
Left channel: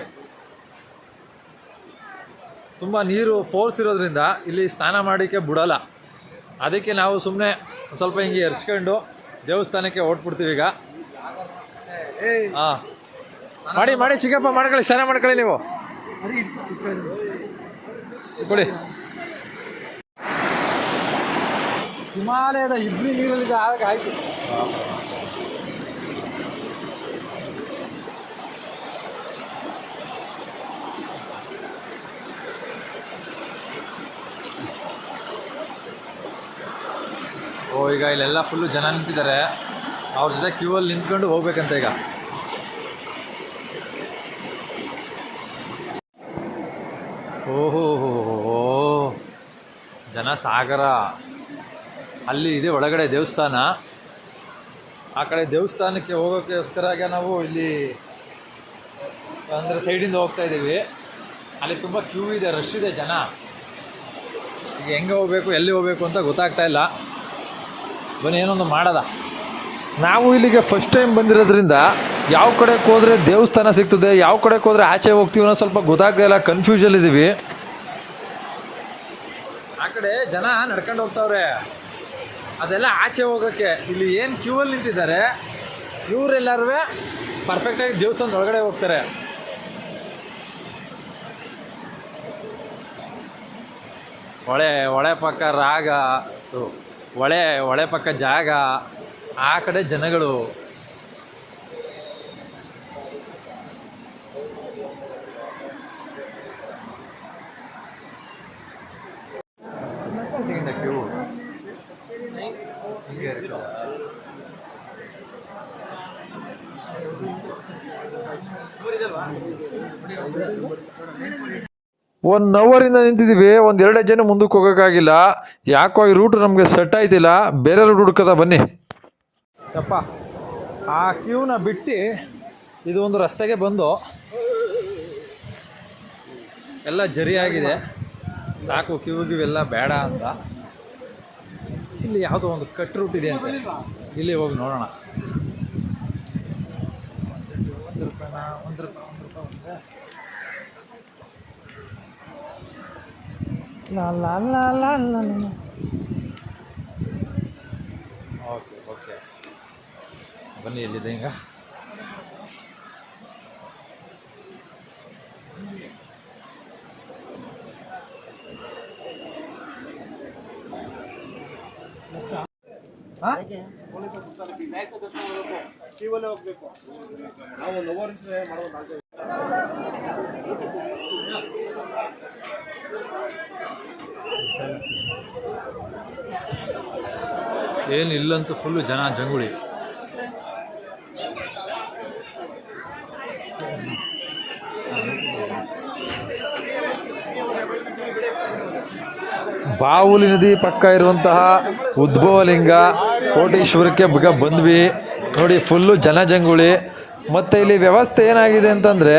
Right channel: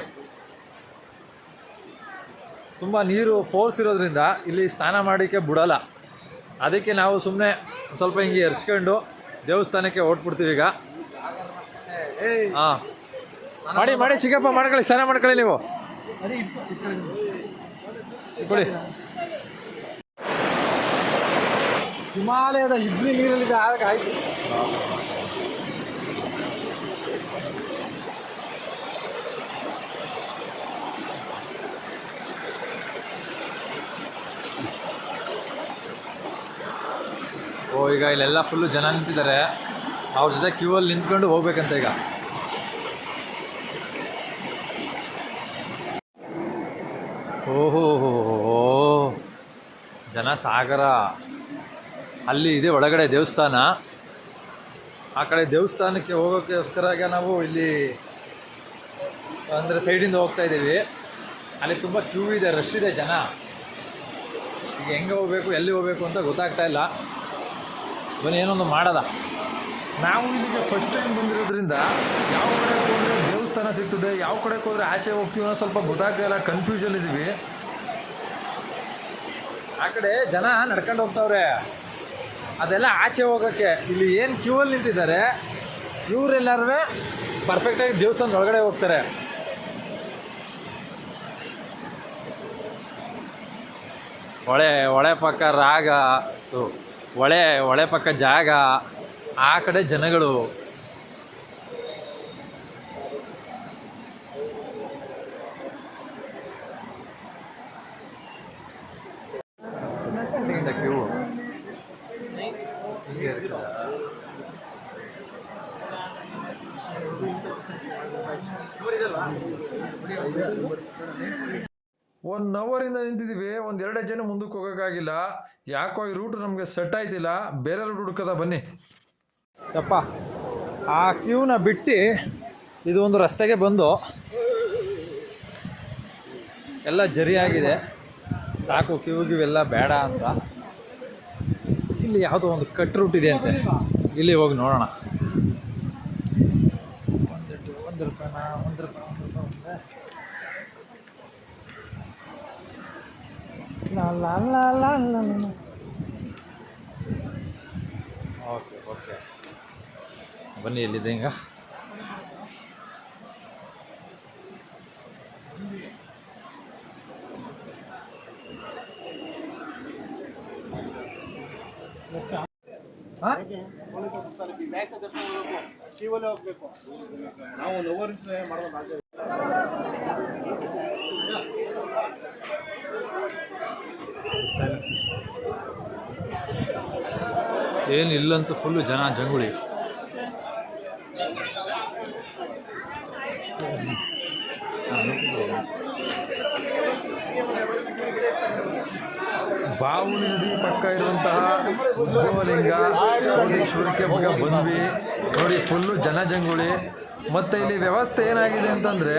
ತುಂಬ ನೀರು ಫೋರ್ಸ್ ಇರೋದ್ರಿಂದ ಇಲ್ಲಿ ಸ್ನಾನ ಮಾಡೋಕ್ಕೆ ಬಿಡಲ್ಲ. ಅದಕ್ಕೆ ನಾವು ಸುಮ್ಮನೆ ಸ್ವಲ್ಪ ಹಿಂಗೆ ಎರ್ಚ್ಕೊಂಡು ದೇವಸ್ಥಾನಕ್ಕೆ ಹೊರಟ್ಬಿಡ್ತೀವಿ ಈಗ. ಹಾಂ, ಮಾಡಿ ಚಿಕ್ಕಪ್ಪ, ಮಾಡ್ಕೊಳ್ಳಿ, ಸ್ನಾನ ಮಾಡ್ಕೊಳ್ಳಿ ನೀವು. ಕೊಡಿ. ಹಿಮಾಲಯದ ಇಬ್ರಿ ನೀರಲ್ಲಿದೆ, ಆಯ್ತು. ಈಗ ಇಲ್ಲೆಲ್ಲ ಫುಲ್ಲು ಜನ ನಿಂತಿದ್ದಾರೆ. ಅವ್ರ ಜೊತೆ ಕ್ಯೂ ಅಲ್ಲಿ ನಿಂತ್ಕೊಂಡು ಹೋಗ್ಬೇಕಂತ ಈಗ. ಓಹೋ, ಜನ ಸಾಗರ. ಅಲ್ಲಿ ಇದೆ ಒಳಗಡೆ ದೇವಸ್ಥಾನ. ಆ ಕಡೆ ದೇವಸ್ಥಾನಕ್ಕೆ ಹೋಗೋಕ್ಕೋಸ್ಕರ ನಾವು ಇಲ್ಲಿ ಅಂದರೆ ಸೈಡಿಂದ ಹೋಗ್ತಾ ಇದ್ದೀವಿ. ಅಲ್ಲಿ ತುಂಬ ಕ್ಯೂ ಇದೆ, ರಶ್ ಇದೆ ಜನ. ಈಗ ಹೆಂಗೆ ಹೋಗಬೇಕು, ಎಲ್ಲಿ ಹೋಗಬೇಕು ಅಂತ ಗೊತ್ತಾಗ್ತಾ ಇಲ್ಲ. ಬನ್ನಿ, ಏನೊಂದು ಮಾಡೋದ. ನಾವು ಇಲ್ಲಿಗೆ ಫಸ್ಟ್ ಟೈಮ್ ಬಂದಿರೋದ್ರಿಂದ ಯಾವ ಕಡೆಗೆ ಹೋದರೆ ದೇವಸ್ಥಾನ ಸಿಗ್ತದೆ, ಯಾವ ಕಡೆಗೆ ಹೋದರೆ ಆಚೆ ಹೋಗ್ತೀವಿ ಅನ್ನೋ ಸ್ವಲ್ಪ ಗೊತ್ತಾಗ್ತಾ ಇಲ್ಲ, ಕನ್ಫ್ಯೂಷನ್ ಇದ್ದೀವಿ. ಆ ಕಡೆ ಜನ ನಡ್ಕೊಂಡು ಹೋಗ್ತಾವ್ರೆ, ಅದೆಲ್ಲ ಆಚೆ ಹೋಗೋಕ್ಕೆ. ಇಲ್ಲಿ ಏನು ಕ್ಯೂ ಅಲ್ಲಿ ನಿಂತಿದ್ದಾರೆ ಇವರೆಲ್ಲರೂ ಪರ್ಫೆಕ್ಟಾಗಿ ದೇವಸ್ಥಾನದ ಒಳಗಡೆ ಹೋಗ್ತಾರೆ. ಹೊಳೆ ಪಕ್ಕ ರಾಗ, ಹೊಳೆ ಪಕ್ಕ ಜಾಗ, ಆ ಕಡೆ ಜನಗಳು. ಕ್ಯೂ ಹೀಗೆ ಇರ್ತದೆ. 1 ಅವರಿಂದ ನಿಂತಿದ್ದೀವಿ. 1-2 ಜನ ಮುಂದಕ್ಕೆ ಹೋಗೋಕ್ಕಾಗಿಲ್ಲ. ಯಾಕೋ ಈ ರೂಟ್ ನಮಗೆ ಸೆಟ್ ಆಯ್ತಿಲ್ಲ, ಬೇರೆ ರೂಟ್ ಹುಡ್ಕದ. ಬನ್ನಿ ಯಪ್ಪ. ಆ ಕ್ಯೂನ ಬಿಟ್ಟು ಇದು ಒಂದು ರಸ್ತೆಗೆ ಬಂದು ಎಲ್ಲ ಜರಿಯಾಗಿದೆ, ಸಾಕು ಕ್ಯೂಗಿವೆಲ್ಲ ಬೇಡ ಅಂತ. ಇಲ್ಲಿ ಯಾವುದೋ ಒಂದು ಕಟ್ ರೂಟ್ ಇದೆ ಅಂತೆ, ಇಲ್ಲಿ ಹೋಗಿ ನೋಡೋಣ. 1 ರೂಪಾಯಿನಾ? 1 ರೂಪಾಯಿ. ಓಕೆ ಓಕೆ ಬನ್ನಿ ಎಲ್ಲಿದೆ ಈಗ ಏನು ಇಲ್ಲಂತೂ ಫುಲ್ಲು ಜನ ಜಂಗುಳಿ. ಬಾವುಲಿ ನದಿ ಪಕ್ಕ ಇರುವಂತಹ ಉದ್ಭವಲಿಂಗ ಕೋಟೇಶ್ವರಕ್ಕೆ ಬಂದ್ವಿ ನೋಡಿ, ಫುಲ್ಲು ಜನಜಂಗುಳಿ. ಮತ್ತು ಇಲ್ಲಿ ವ್ಯವಸ್ಥೆ ಏನಾಗಿದೆ ಅಂತಂದರೆ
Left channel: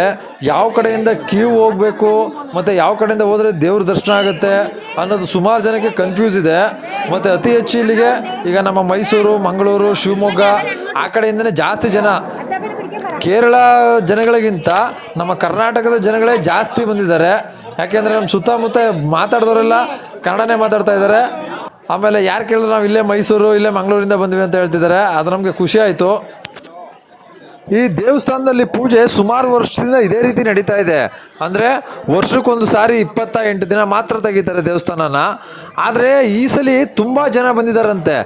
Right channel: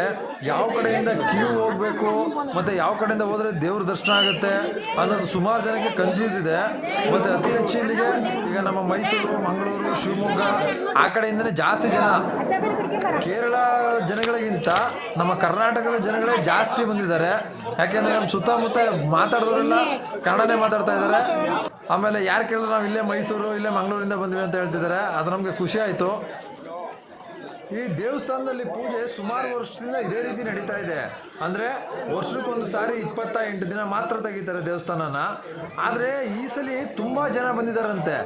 ಯಾವ ಕಡೆಯಿಂದ ಕ್ಯೂ ಹೋಗಬೇಕು ಮತ್ತು ಯಾವ ಕಡೆಯಿಂದ ಹೋದರೆ ದೇವ್ರ ದರ್ಶನ ಆಗುತ್ತೆ ಅನ್ನೋದು ಸುಮಾರು ಜನಕ್ಕೆ ಕನ್ಫ್ಯೂಸ್ ಇದೆ. ಮತ್ತು ಅತಿ ಹೆಚ್ಚು ಇಲ್ಲಿಗೆ ಈಗ ನಮ್ಮ ಮೈಸೂರು, ಮಂಗಳೂರು, ಶಿವಮೊಗ್ಗ ಆ ಕಡೆಯಿಂದನೇ ಜಾಸ್ತಿ ಜನ. ಕೇರಳ ಜನಗಳಿಗಿಂತ ನಮ್ಮ ಕರ್ನಾಟಕದ ಜನಗಳೇ ಜಾಸ್ತಿ ಬಂದಿದ್ದಾರೆ. ಯಾಕೆಂದರೆ ನಮ್ಮ ಸುತ್ತಮುತ್ತ ಮಾತಾಡಿದವರೆಲ್ಲ ಕನ್ನಡನೇ ಮಾತಾಡ್ತಾ ಇದ್ದಾರೆ. ಆಮೇಲೆ ಯಾರು ಕೇಳಿದ್ರು ನಾವು ಇಲ್ಲೇ ಮೈಸೂರು, ಇಲ್ಲೇ ಮಂಗಳೂರಿಂದ ಬಂದ್ವಿ ಅಂತ ಹೇಳ್ತಿದ್ದಾರೆ. ಅದು ನಮಗೆ ಖುಷಿ ಆಯಿತು. ಈ ದೇವಸ್ಥಾನದಲ್ಲಿ ಪೂಜೆ ಸುಮಾರು ವರ್ಷದಿಂದ ಇದೇ ರೀತಿ ನಡೀತಾ ಇದೆ. ಅಂದರೆ ವರ್ಷಕ್ಕೊಂದು ಸಾರಿ 28 ದಿನ ಮಾತ್ರ ತೆಗಿತಾರೆ ದೇವಸ್ಥಾನನ. ಆದರೆ ಈ ಸಲ ತುಂಬ ಜನ ಬಂದಿದ್ದಾರಂತೆ.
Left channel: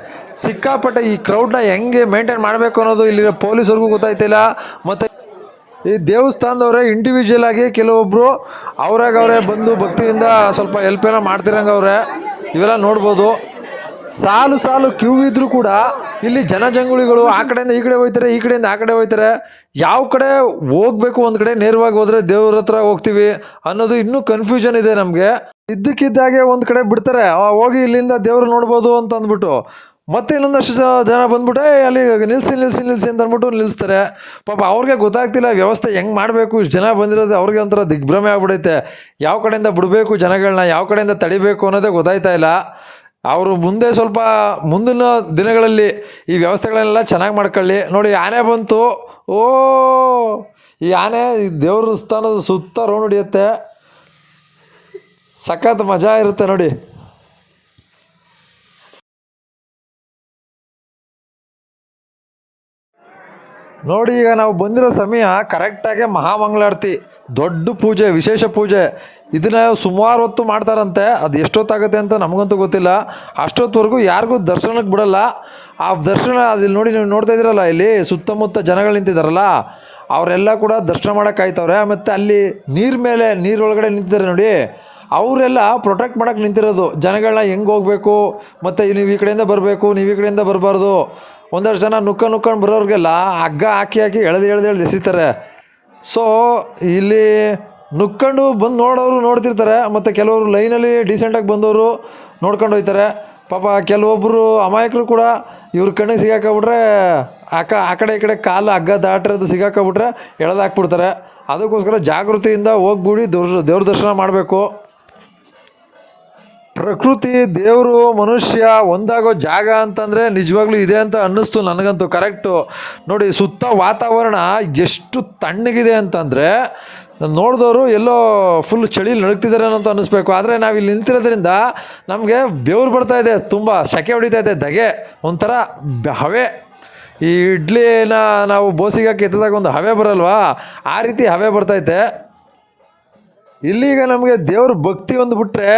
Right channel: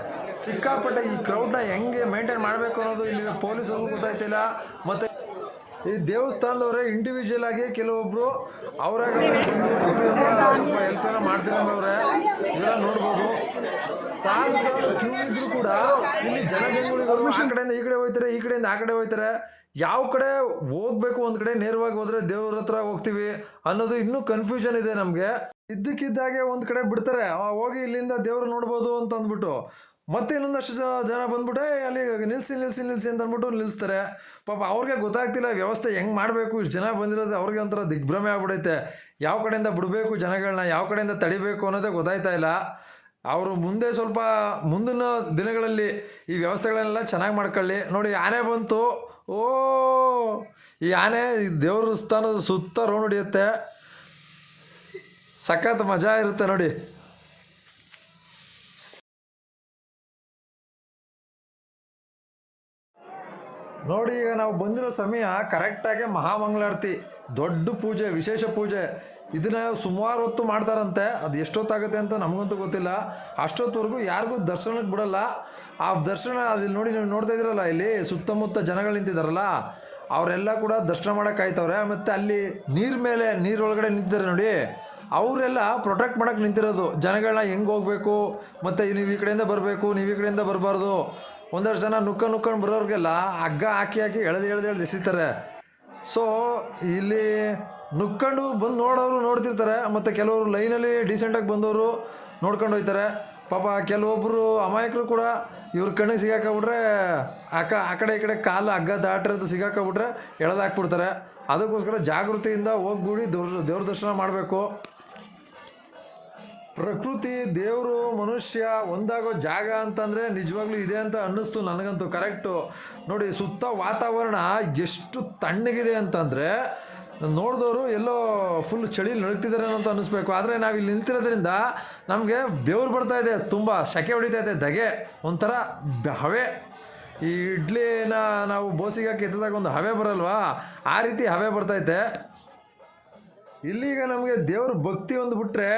ಸಿಕ್ಕಾಪಟ್ಟೆ ಈ ಕ್ರೌಡ್ನ ಹೆಂಗೆ ಮೇಂಟೈನ್ ಮಾಡಬೇಕು ಅನ್ನೋದು ಇಲ್ಲಿರೋ ಪೊಲೀಸರಿಗೂ ಗೊತ್ತಾಯ್ತಿಲ್ಲ. ಮತ್ತು ಈ ದೇವಸ್ಥಾನದವರೇ ಇಂಡಿವಿಜುವಲ್ ಆಗಿ ಕೆಲವೊಬ್ಬರು ಅವರೇ ಬಂದು ಭಕ್ತಿಯಿಂದ ಸ್ವಲ್ಪ ಹೆಲ್ಪ್ ಏನೋ ಮಾಡ್ತಿರಂಗವ್ರೆ. ಇವೆಲ್ಲ ನೋಡ್ಬೋದು. ಸಾಲು ಸಾಲು ಕ್ಯೂ ಇದ್ರೂ ಕೂಡ ಇಲ್ಲಿ ಜನಜಂಗುಳಿಗಳು ಆ ಕಡೆಯಿಂದ ಈ ಕಡೆ ಹೋಗ್ತಾರೆ, ಈ ಕಡೆಯಿಂದ ಆ ಕಡೆ ಹೋಗ್ತಾರೆ. ಯಾವ ಕಡೆ ಹೋಗ್ಬೇಕು, ಒಂದು ಕಡೆ ನೇರವಾಗಿ ಹೋದರೆ ದೇವ್ರ ಹತ್ರ ಹೋಗ್ತೀವಿ ಅನ್ನೋದು ಇನ್ನೂ ಕನ್ಫ್ಯೂಷನ್ ಇದೆ ನಮಗೆ. ಇದ್ದಕ್ಕಿದ್ದಾಗೆ ಒಂದು ಕಡೆ ಬಿಡ್ತಾರೆ, ಹೋಗಿ ಇಲ್ಲಿಂದ ದೇವ್ರು ನೋಡ್ಬೋದು ಅಂತ ಅಂದ್ಬಿಟ್ಟು. ಮತ್ತೆ ಇನ್ನೊಂದಷ್ಟು ಜನ ಬಂದ್ಬಿಟ್ಟು ಅಲ್ಲಿ ನಿಲ್ಲಿಸಿ ಅಂತ ಅಂದ್ಬಿಟ್ಟು ನಿಲ್ಲಿಸ್ತಾರೆ. ಪಾಪ ಅವ್ರಿಗೆ ಗೊತ್ತಾಗ್ತಿಲ್ಲ ವ್ಯವಸ್ಥೆ ಹೆಂಗೆ ಮಾಡಬೇಕು. ಇಷ್ಟು ಜನ ಬಂದಿರೋದು ಅವ್ರಿಗೆ ಒಂಥರ ದಿಗ್ಭ್ರಮೆ ಆಗ್ಬಿಡೈತೆ. ಯಾವ ಕಡೆಯಿಂದ ಬಿಡಬೇಕು ಜನಗಳನ್ನ, ಯಾವ ಕಡೆಯಿಂದ ತಡಿಬೇಕು ಅನ್ನೋದೇ ಗೊತ್ತಾಯ್ತಾ ಇಲ್ಲ. ಅವರು ಮುಂದೆ ಸ್ವಲ್ಪ ಮುಂದಿನ ದಿನಗಳಲ್ಲಿ ಈ ವ್ಯವಸ್ಥೆಗಳೆಲ್ಲ ಚೆನ್ನಾಗಿ ಮಾಡ್ಕೊಳ್ಳಿ. ನೋಡಿ ಆನೆ ಬಂತು. ಓ, ಈ ಆನೆ ದೇವ್ರ ಸ್ಥಾನದ ಸುತ್ತ ರೌಂಡ್ ಹೊಡಿಯುತ್ತೆ. ಸಖತ್ ಮಜಾ ಇರುತ್ತೆ ನೋಡಿ. ನೋಡಿ ಈಗ ನಾವು ಬಂದಿರೋ ಸಮಯ ಕರೆಕ್ಟಾಗಿ ಮಹಾಮಂಗಳಾರತಿ, ದೊಡ್ಡ ಪೂಜೆ, ವಿಶೇಷ ಪೂಜೆ. ಇದನ್ನು ಸುಮಾರು ಹೊತ್ತು ಮಾಡ್ತಾರಂತೆ. ಅದು ಎಷ್ಟೊತ್ತಾಗುತ್ತೆ ಅಂತ ನಮಗಂತೂ ಗೊತ್ತಿಲ್ಲ. ಅಷ್ಟೊತ್ತವರೆಗೂ ಯಾರಿಗೂ ದರ್ಶನಕ್ಕೆ ಬಿಡಲ್ಲ. ಆ ದರ್ಶನ ಅಲ್ಲಿ ನೋಡಿ, ನೀವು ನೋಡ್ತಾ ಇದ್ದೀರಲ್ಲ, ಇಲ್ಲಿ ಸುತ್ತಮುತ್ತ ಜನಗಳು ನಿಂತಿದ್ದಾರಲ್ಲ, ಅವರೆಲ್ಲ ಕೂಡ ದರ್ಶನ ಮಾಡೋಕೆ ಕಾಯ್ತವ್ರೆ. ಮತ್ತು ಅಲ್ಲಿ ನೀರೊಳಗಡೆ ನಿಂತಿದ್ದಾರೆ ನೋಡಿ, ಅವರೆಲ್ಲ ಪ್ರೊಟೆಕ್ಟ್ ಮಾಡೋಕ್ಕೆ ನಿಂತಿರೋದು. ಜನಗಳನ್ನ ಹೆಂಗೆ ಹೋಗಬೇಕು, ಮತ್ತು ನೀವು ಈ ಕಡೆಯಿಂದ ಬರಬೇಕು, ನೀವು ಈ ಕಡೆಯಿಂದ ಬರಬಾರ್ದು. ಒಂದಷ್ಟು ಜನ ನುಕ್ಕೊಂಡು ಬರೋರಿಗೆಲ್ಲ ಹಗ್ಗ ಹಾಕಿ ಎಳೆದು ಎಸಿತಾರೆ. ಸೊ ಇಲ್ಲಿ ನುಕ್ಕೊಂಡು ಬಂದು ನೋಡೋರು ನೋಡ್ತಿರ್ತಾರೆ. ಮತ್ತು ಕೆಲವರು ಲೈನಲ್ಲಿ ಡೀಸೆಂಟಾಗಿ ಬಂದವರು ನೋಡ್ಕೊಂಡು ಹೋಗ್ತಾರೆ. ಪಾಪ ಕೆಲವೊಬ್ಬರು ಅಮಾಯಕರು ಕೂಡ ಇವ್ರ ಕಣ್ಣಿಗೆ ಸಿಗಾಕೊಂಬಿಟ್ರೆ ಆ ಕಡೆ ಈ ಕಡೆ ಕಾಲು ಹಗ್ಗ ದಾಟಿರೋದು ಸಿಗಾಕೊಂಬಿಟ್ರೆ ಎಳೆದು ಹಾಕ್ಬಿಡ್ತಾರೆ. ಅದಕ್ಕೋಸ್ಕರ ಜಾಗೃತಿಯಿಂದ ಹೋಗ್ಬಿಡಿ ದೇವ್ರ ದರ್ಶನ ಮಾಡಬೇಕು. ಪ್ರಕೃತಿ, ದೇವರು, ಮನುಷ್ಯ ಒಂದಾಗೋ ಜಾಗ ಅಂತಂದರೆ ನಿಜವಾಗ್ಲೂ ಇದೆ ಅಂತ ಅನ್ನಿಸ್ತು ನನಗಂತೂ. ಕರೆಕ್ಟು ನೋಡಿ, ಸುತ್ತ ವಾತಾವರಣ ಎಷ್ಟು ತಣ್ಣಗಿದೆ ಅಂತಂದರೆ ನೋಡಿದವರು ಎಲ್ಲೋ ಫುಲ್ ಚಳಿಲಿ ನಡುಗ್ತಿದ್ದಾರೆ ಅಂತ ಅನ್ನಿಸ್ಬೇಕು. ಆದರೆ ನಾವು ಇಲ್ಲಿ ನಿಂತಿರೋದ್ರಿಂದ ನಮಗೆ ಬೆವರು ಬರ್ತಾಯಿದೆ, ತುಂಬ ಸೆಕೆ ಹೊಡಿತಾ ಇದೆ, ಧಗೆ ಒಂಥರ ಹವೆ. ಈ ಇಡ್ಲಿನ ನಾವು ಬೋಸಿಗೆ ಎತ್ತಿದಾಗ ಒಂದು ಹವೆ ಬರಲ್ವಾ, ಆ ರೀತಿ ಹವೆ ಬರ್ತೈತೆ. ಇಲ್ಲಿಗ ನಮಗೆ ದೇವ್ರ ಭಕ್ತಿ ಒಂದು ಬಿಟ್ಟರೆ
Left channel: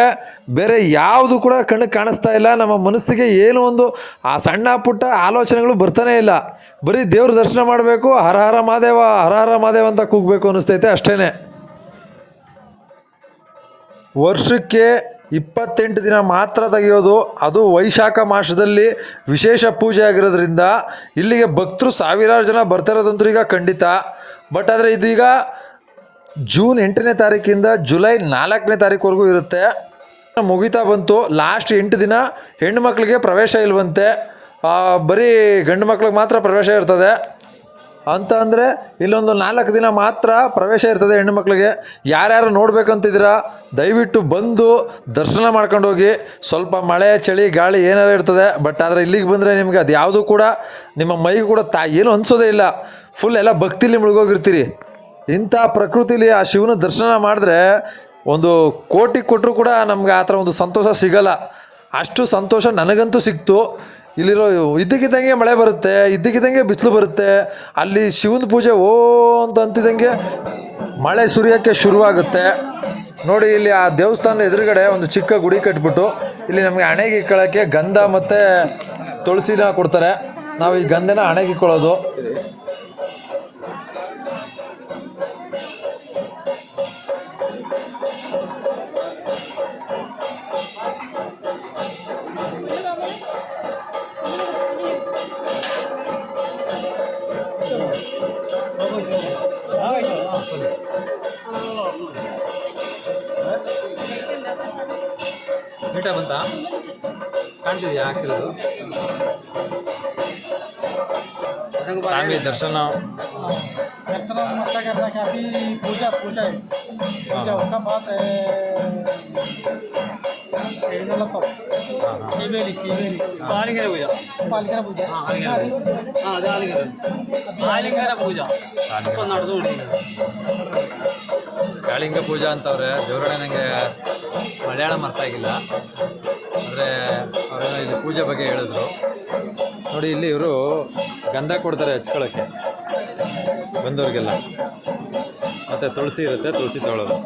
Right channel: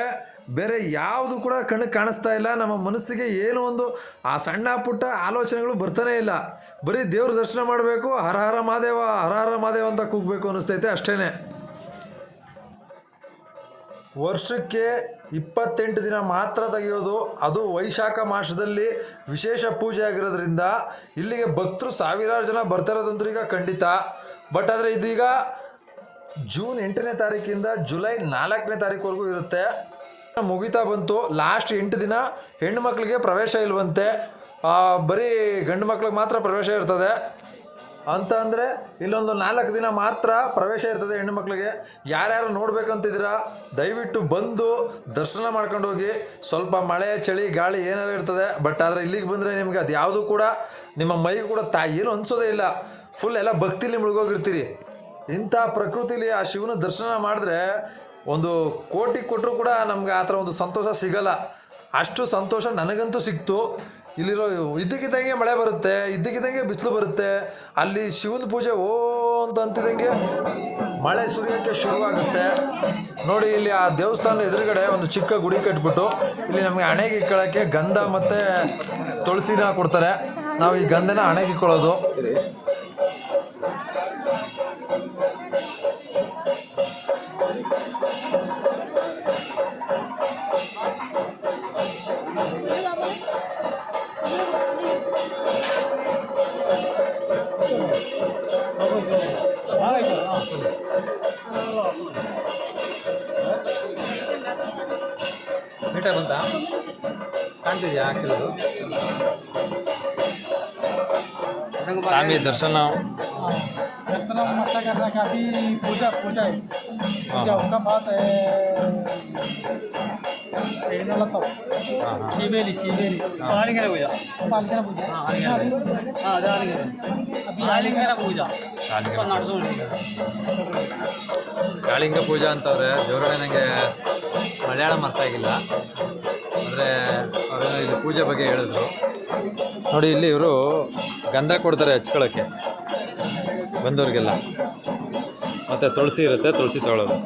ಬೇರೆ ಯಾವುದು ಕೂಡ ಕಣ್ಣಿಗೆ ಕಾಣಿಸ್ತಾ ಇಲ್ಲ. ನಮ್ಮ ಮನಸ್ಸಿಗೆ ಏನೋ ಒಂದು ಆ ಸಣ್ಣ ಪುಟ್ಟ ಆಲೋಚನೆಗಳು ಬರ್ತಾನೆ ಇಲ್ಲ. ಬರೀ ದೇವ್ರ ದರ್ಶನ ಮಾಡಬೇಕು, ಹರ ಹರ ಮಹಾದೇವ, ಹರ ಹರ ಮಹಾದೇವ ಅಂತ ಕೂಗಬೇಕು ಅನ್ನಿಸ್ತೈತೆ ಅಷ್ಟೇ. ವರ್ಷಕ್ಕೆ 28 ದಿನ ಮಾತ್ರ ತೆಗೆಯೋದು, ಅದು ವೈಶಾಖ ಮಾಸದಲ್ಲಿ ವಿಶೇಷ ಪೂಜೆ ಆಗಿರೋದ್ರಿಂದ ಇಲ್ಲಿಗೆ ಭಕ್ತರು ಸಾವಿರಾರು ಜನ ಬರ್ತಾರೋದಂತೂ ಈಗ ಖಂಡಿತ. ಬಟ್ ಆದರೆ ಇದು ಈಗ ಜೂನ್ 8ನೇ ತಾರೀಕಿಂದ ಜುಲೈ 4ನೇ ತಾರೀಕುವರೆಗೂ ಇರುತ್ತೆ. ಮುಗಿತಾ ಬಂತು. ಲಾಸ್ಟ್ 8 ದಿನ ಹೆಣ್ಣು ಮಕ್ಕಳಿಗೆ ಪ್ರವೇಶ ಇಲ್ವಂತೆ, ಬರೀ ಗಂಡು ಮಕ್ಳಿಗೆ ಮಾತ್ರ ಪ್ರವೇಶ ಇರ್ತದೆ ಅಂತ. ಅಂದರೆ ಇಲ್ಲೊಂದು 4 ದಿನ ಮಾತ್ರ ಪ್ರವೇಶ ಇರ್ತದೆ ಹೆಣ್ಣು ಮಕ್ಕಳಿಗೆ. ಯಾರ್ಯಾರು ನೋಡ್ಬೇಕಂತಿದ್ದೀರಾ ದಯವಿಟ್ಟು ಬಂದು ದರ್ಶನ ಮಾಡ್ಕೊಂಡು ಹೋಗಿ. ಸ್ವಲ್ಪ ಮಳೆ, ಚಳಿ, ಗಾಳಿ ಏನಾರು ಇರ್ತದೆ. ಬಟ್ ಆದರೆ ಇಲ್ಲಿಗೆ ಬಂದರೆ ನಿಮಗೆ ಅದು ಯಾವುದೂ ಕೂಡ ನಿಮ್ಮ ಮೈಗೆ ಕೂಡ ಏನು ಅನಿಸೋದೇ ಇಲ್ಲ. ಫುಲ್ ಎಲ್ಲ ಭಕ್ತಿಲಿ ಮುಳುಗೋಗಿರ್ತೀರಿ. ಇಂಥ ಪ್ರಕೃತಿಲಿ ಆ ಶಿವನ ದರ್ಶನ ಮಾಡಿದ್ರೆ ಒಂದು ಕೋಟಿ ಕೊಟ್ಟರು ಕೂಡ ನಮ್ಗೆ ಆ ಥರ ಒಂದು ಸಂತೋಷ ಸಿಗಲ್ಲ. ಅಷ್ಟು ಸಂತೋಷ ನನಗಂತೂ ಸಿಕ್ತು. ಇಲ್ಲಿರೋ ಇದ್ದಕ್ಕಿದ್ದಂಗೆ ಮಳೆ ಬರುತ್ತೆ, ಇದ್ದಕ್ಕಿದ್ದಂಗೆ ಬಿಸಿಲು ಬರುತ್ತೆ. ಅಲ್ಲಿ ಶಿವನ ಪೂಜೆ ಅಂತ ಅಂತಿದ್ದಂಗೆ ಮಳೆ ಸುರಿಯೋಕ್ಕೆ ಶುರುವಾಗುತ್ತೆ. ನೋಡಿ ಇಲ್ಲಿ ಆ ದೇವಸ್ಥಾನದ ಎದುರುಗಡೆ ಒಂದು ಚಿಕ್ಕ ಗುಡಿ ಕಟ್ಬಿಟ್ಟು ಇಲ್ಲಿ ನಮಗೆ ಹಣೆಗೆ ಇಕ್ಕೊಳ್ಳೋಕ್ಕೆ ಗಂಧ ಮತ್ತು ತುಳಸಿನ ಕೊಡ್ತಾರೆ. ನಾವು ಈ ಗಂಧನ ಹಣೆಗೆ ಇಕ್ಕೊಳ್ಳೋದು. ನೀಟಾಗಿ ಬಂತ ಕಾಣ್ತಿದ್ಯಾ ಹಾಕಿರೋದು? ಸ್ವಾಮಿ ದರ್ಶನ मस्त करना चाहती पूजा है पूजा उसका बात है शिवेली पालिंगನ पूजा ಕಾಳಿಂಗ ಪೂಜಾ ಅಂತವ್ರೆ. ದೇವರೊಡೆ ನನಗೆ ಮಲಯಾಳಂ ಅರ್ಥ ಆಗಿಲ್ಲ, ಅಂದರೆ ಅವರೇನೋ ಇದು ಪೂಜೆ ಬಗ್ಗೆ ಹೇಳಿದ್ರು. ನೋಡಿ ಇಲ್ಲಿ ಇವರು ಗಂಧ ಕೊಡ್ತಾರೆ ಹಚ್ಕೊಳ್ಳೋಕ್ಕೆ ಬಂದವ್ರಿಗೆಲ್ಲ, ಮತ್ತು ತುಳಸಿ ಇರುತ್ತೆ, ತುಳಸಿ ತಗೊಳ್ಳೋದು.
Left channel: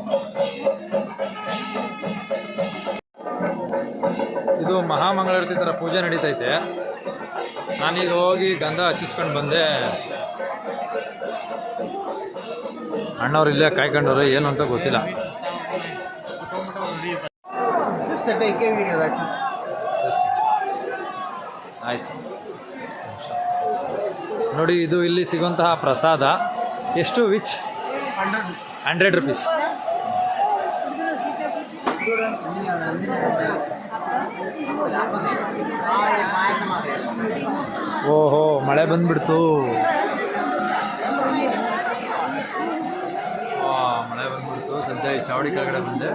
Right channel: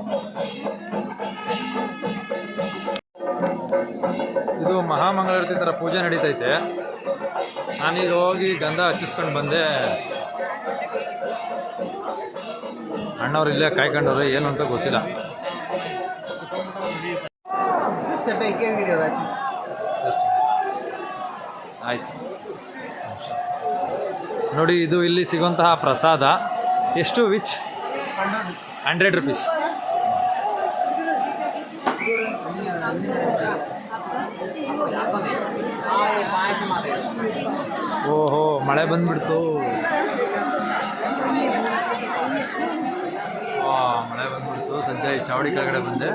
ಇದು ಮಹಾಮಂಗಳಾರತಿ ಥರ ಪೂಜೆ ನಡೀತೈತೆ. ನಾನೀಗ ಹೋಗಿ ಗಂಧ ಹಚ್ಚಿಸ್ಕೊಂಡು ಬಂದೆ. ಅಣ್ಣವ್ರು ಇಲ್ಲೇ ಕಾಯ್ಕೊಂಡವ್ರು, ಏನು ಅಂತ ಗೊತ್ತಿಲ್ಲ. ಆಯ್ತು ನೋಡಿ, ಇದು ಇಲ್ಲಿ ಸಿಗುವಂತಹ ಪ್ರಸಾದ. ಎಷ್ಟು ವಿಚ್ 100 rupees. ಓಹೋ, ಮಳೆ ಬಂದ್ಬಿಡ್ತು. ಮಳೆ ಬಂದ್ಬಿಡ್ತು. ಸದ್ಯ ಈ ಚಾವಡಿ ಕೆಳಗಡೆ ಬಂದೆ.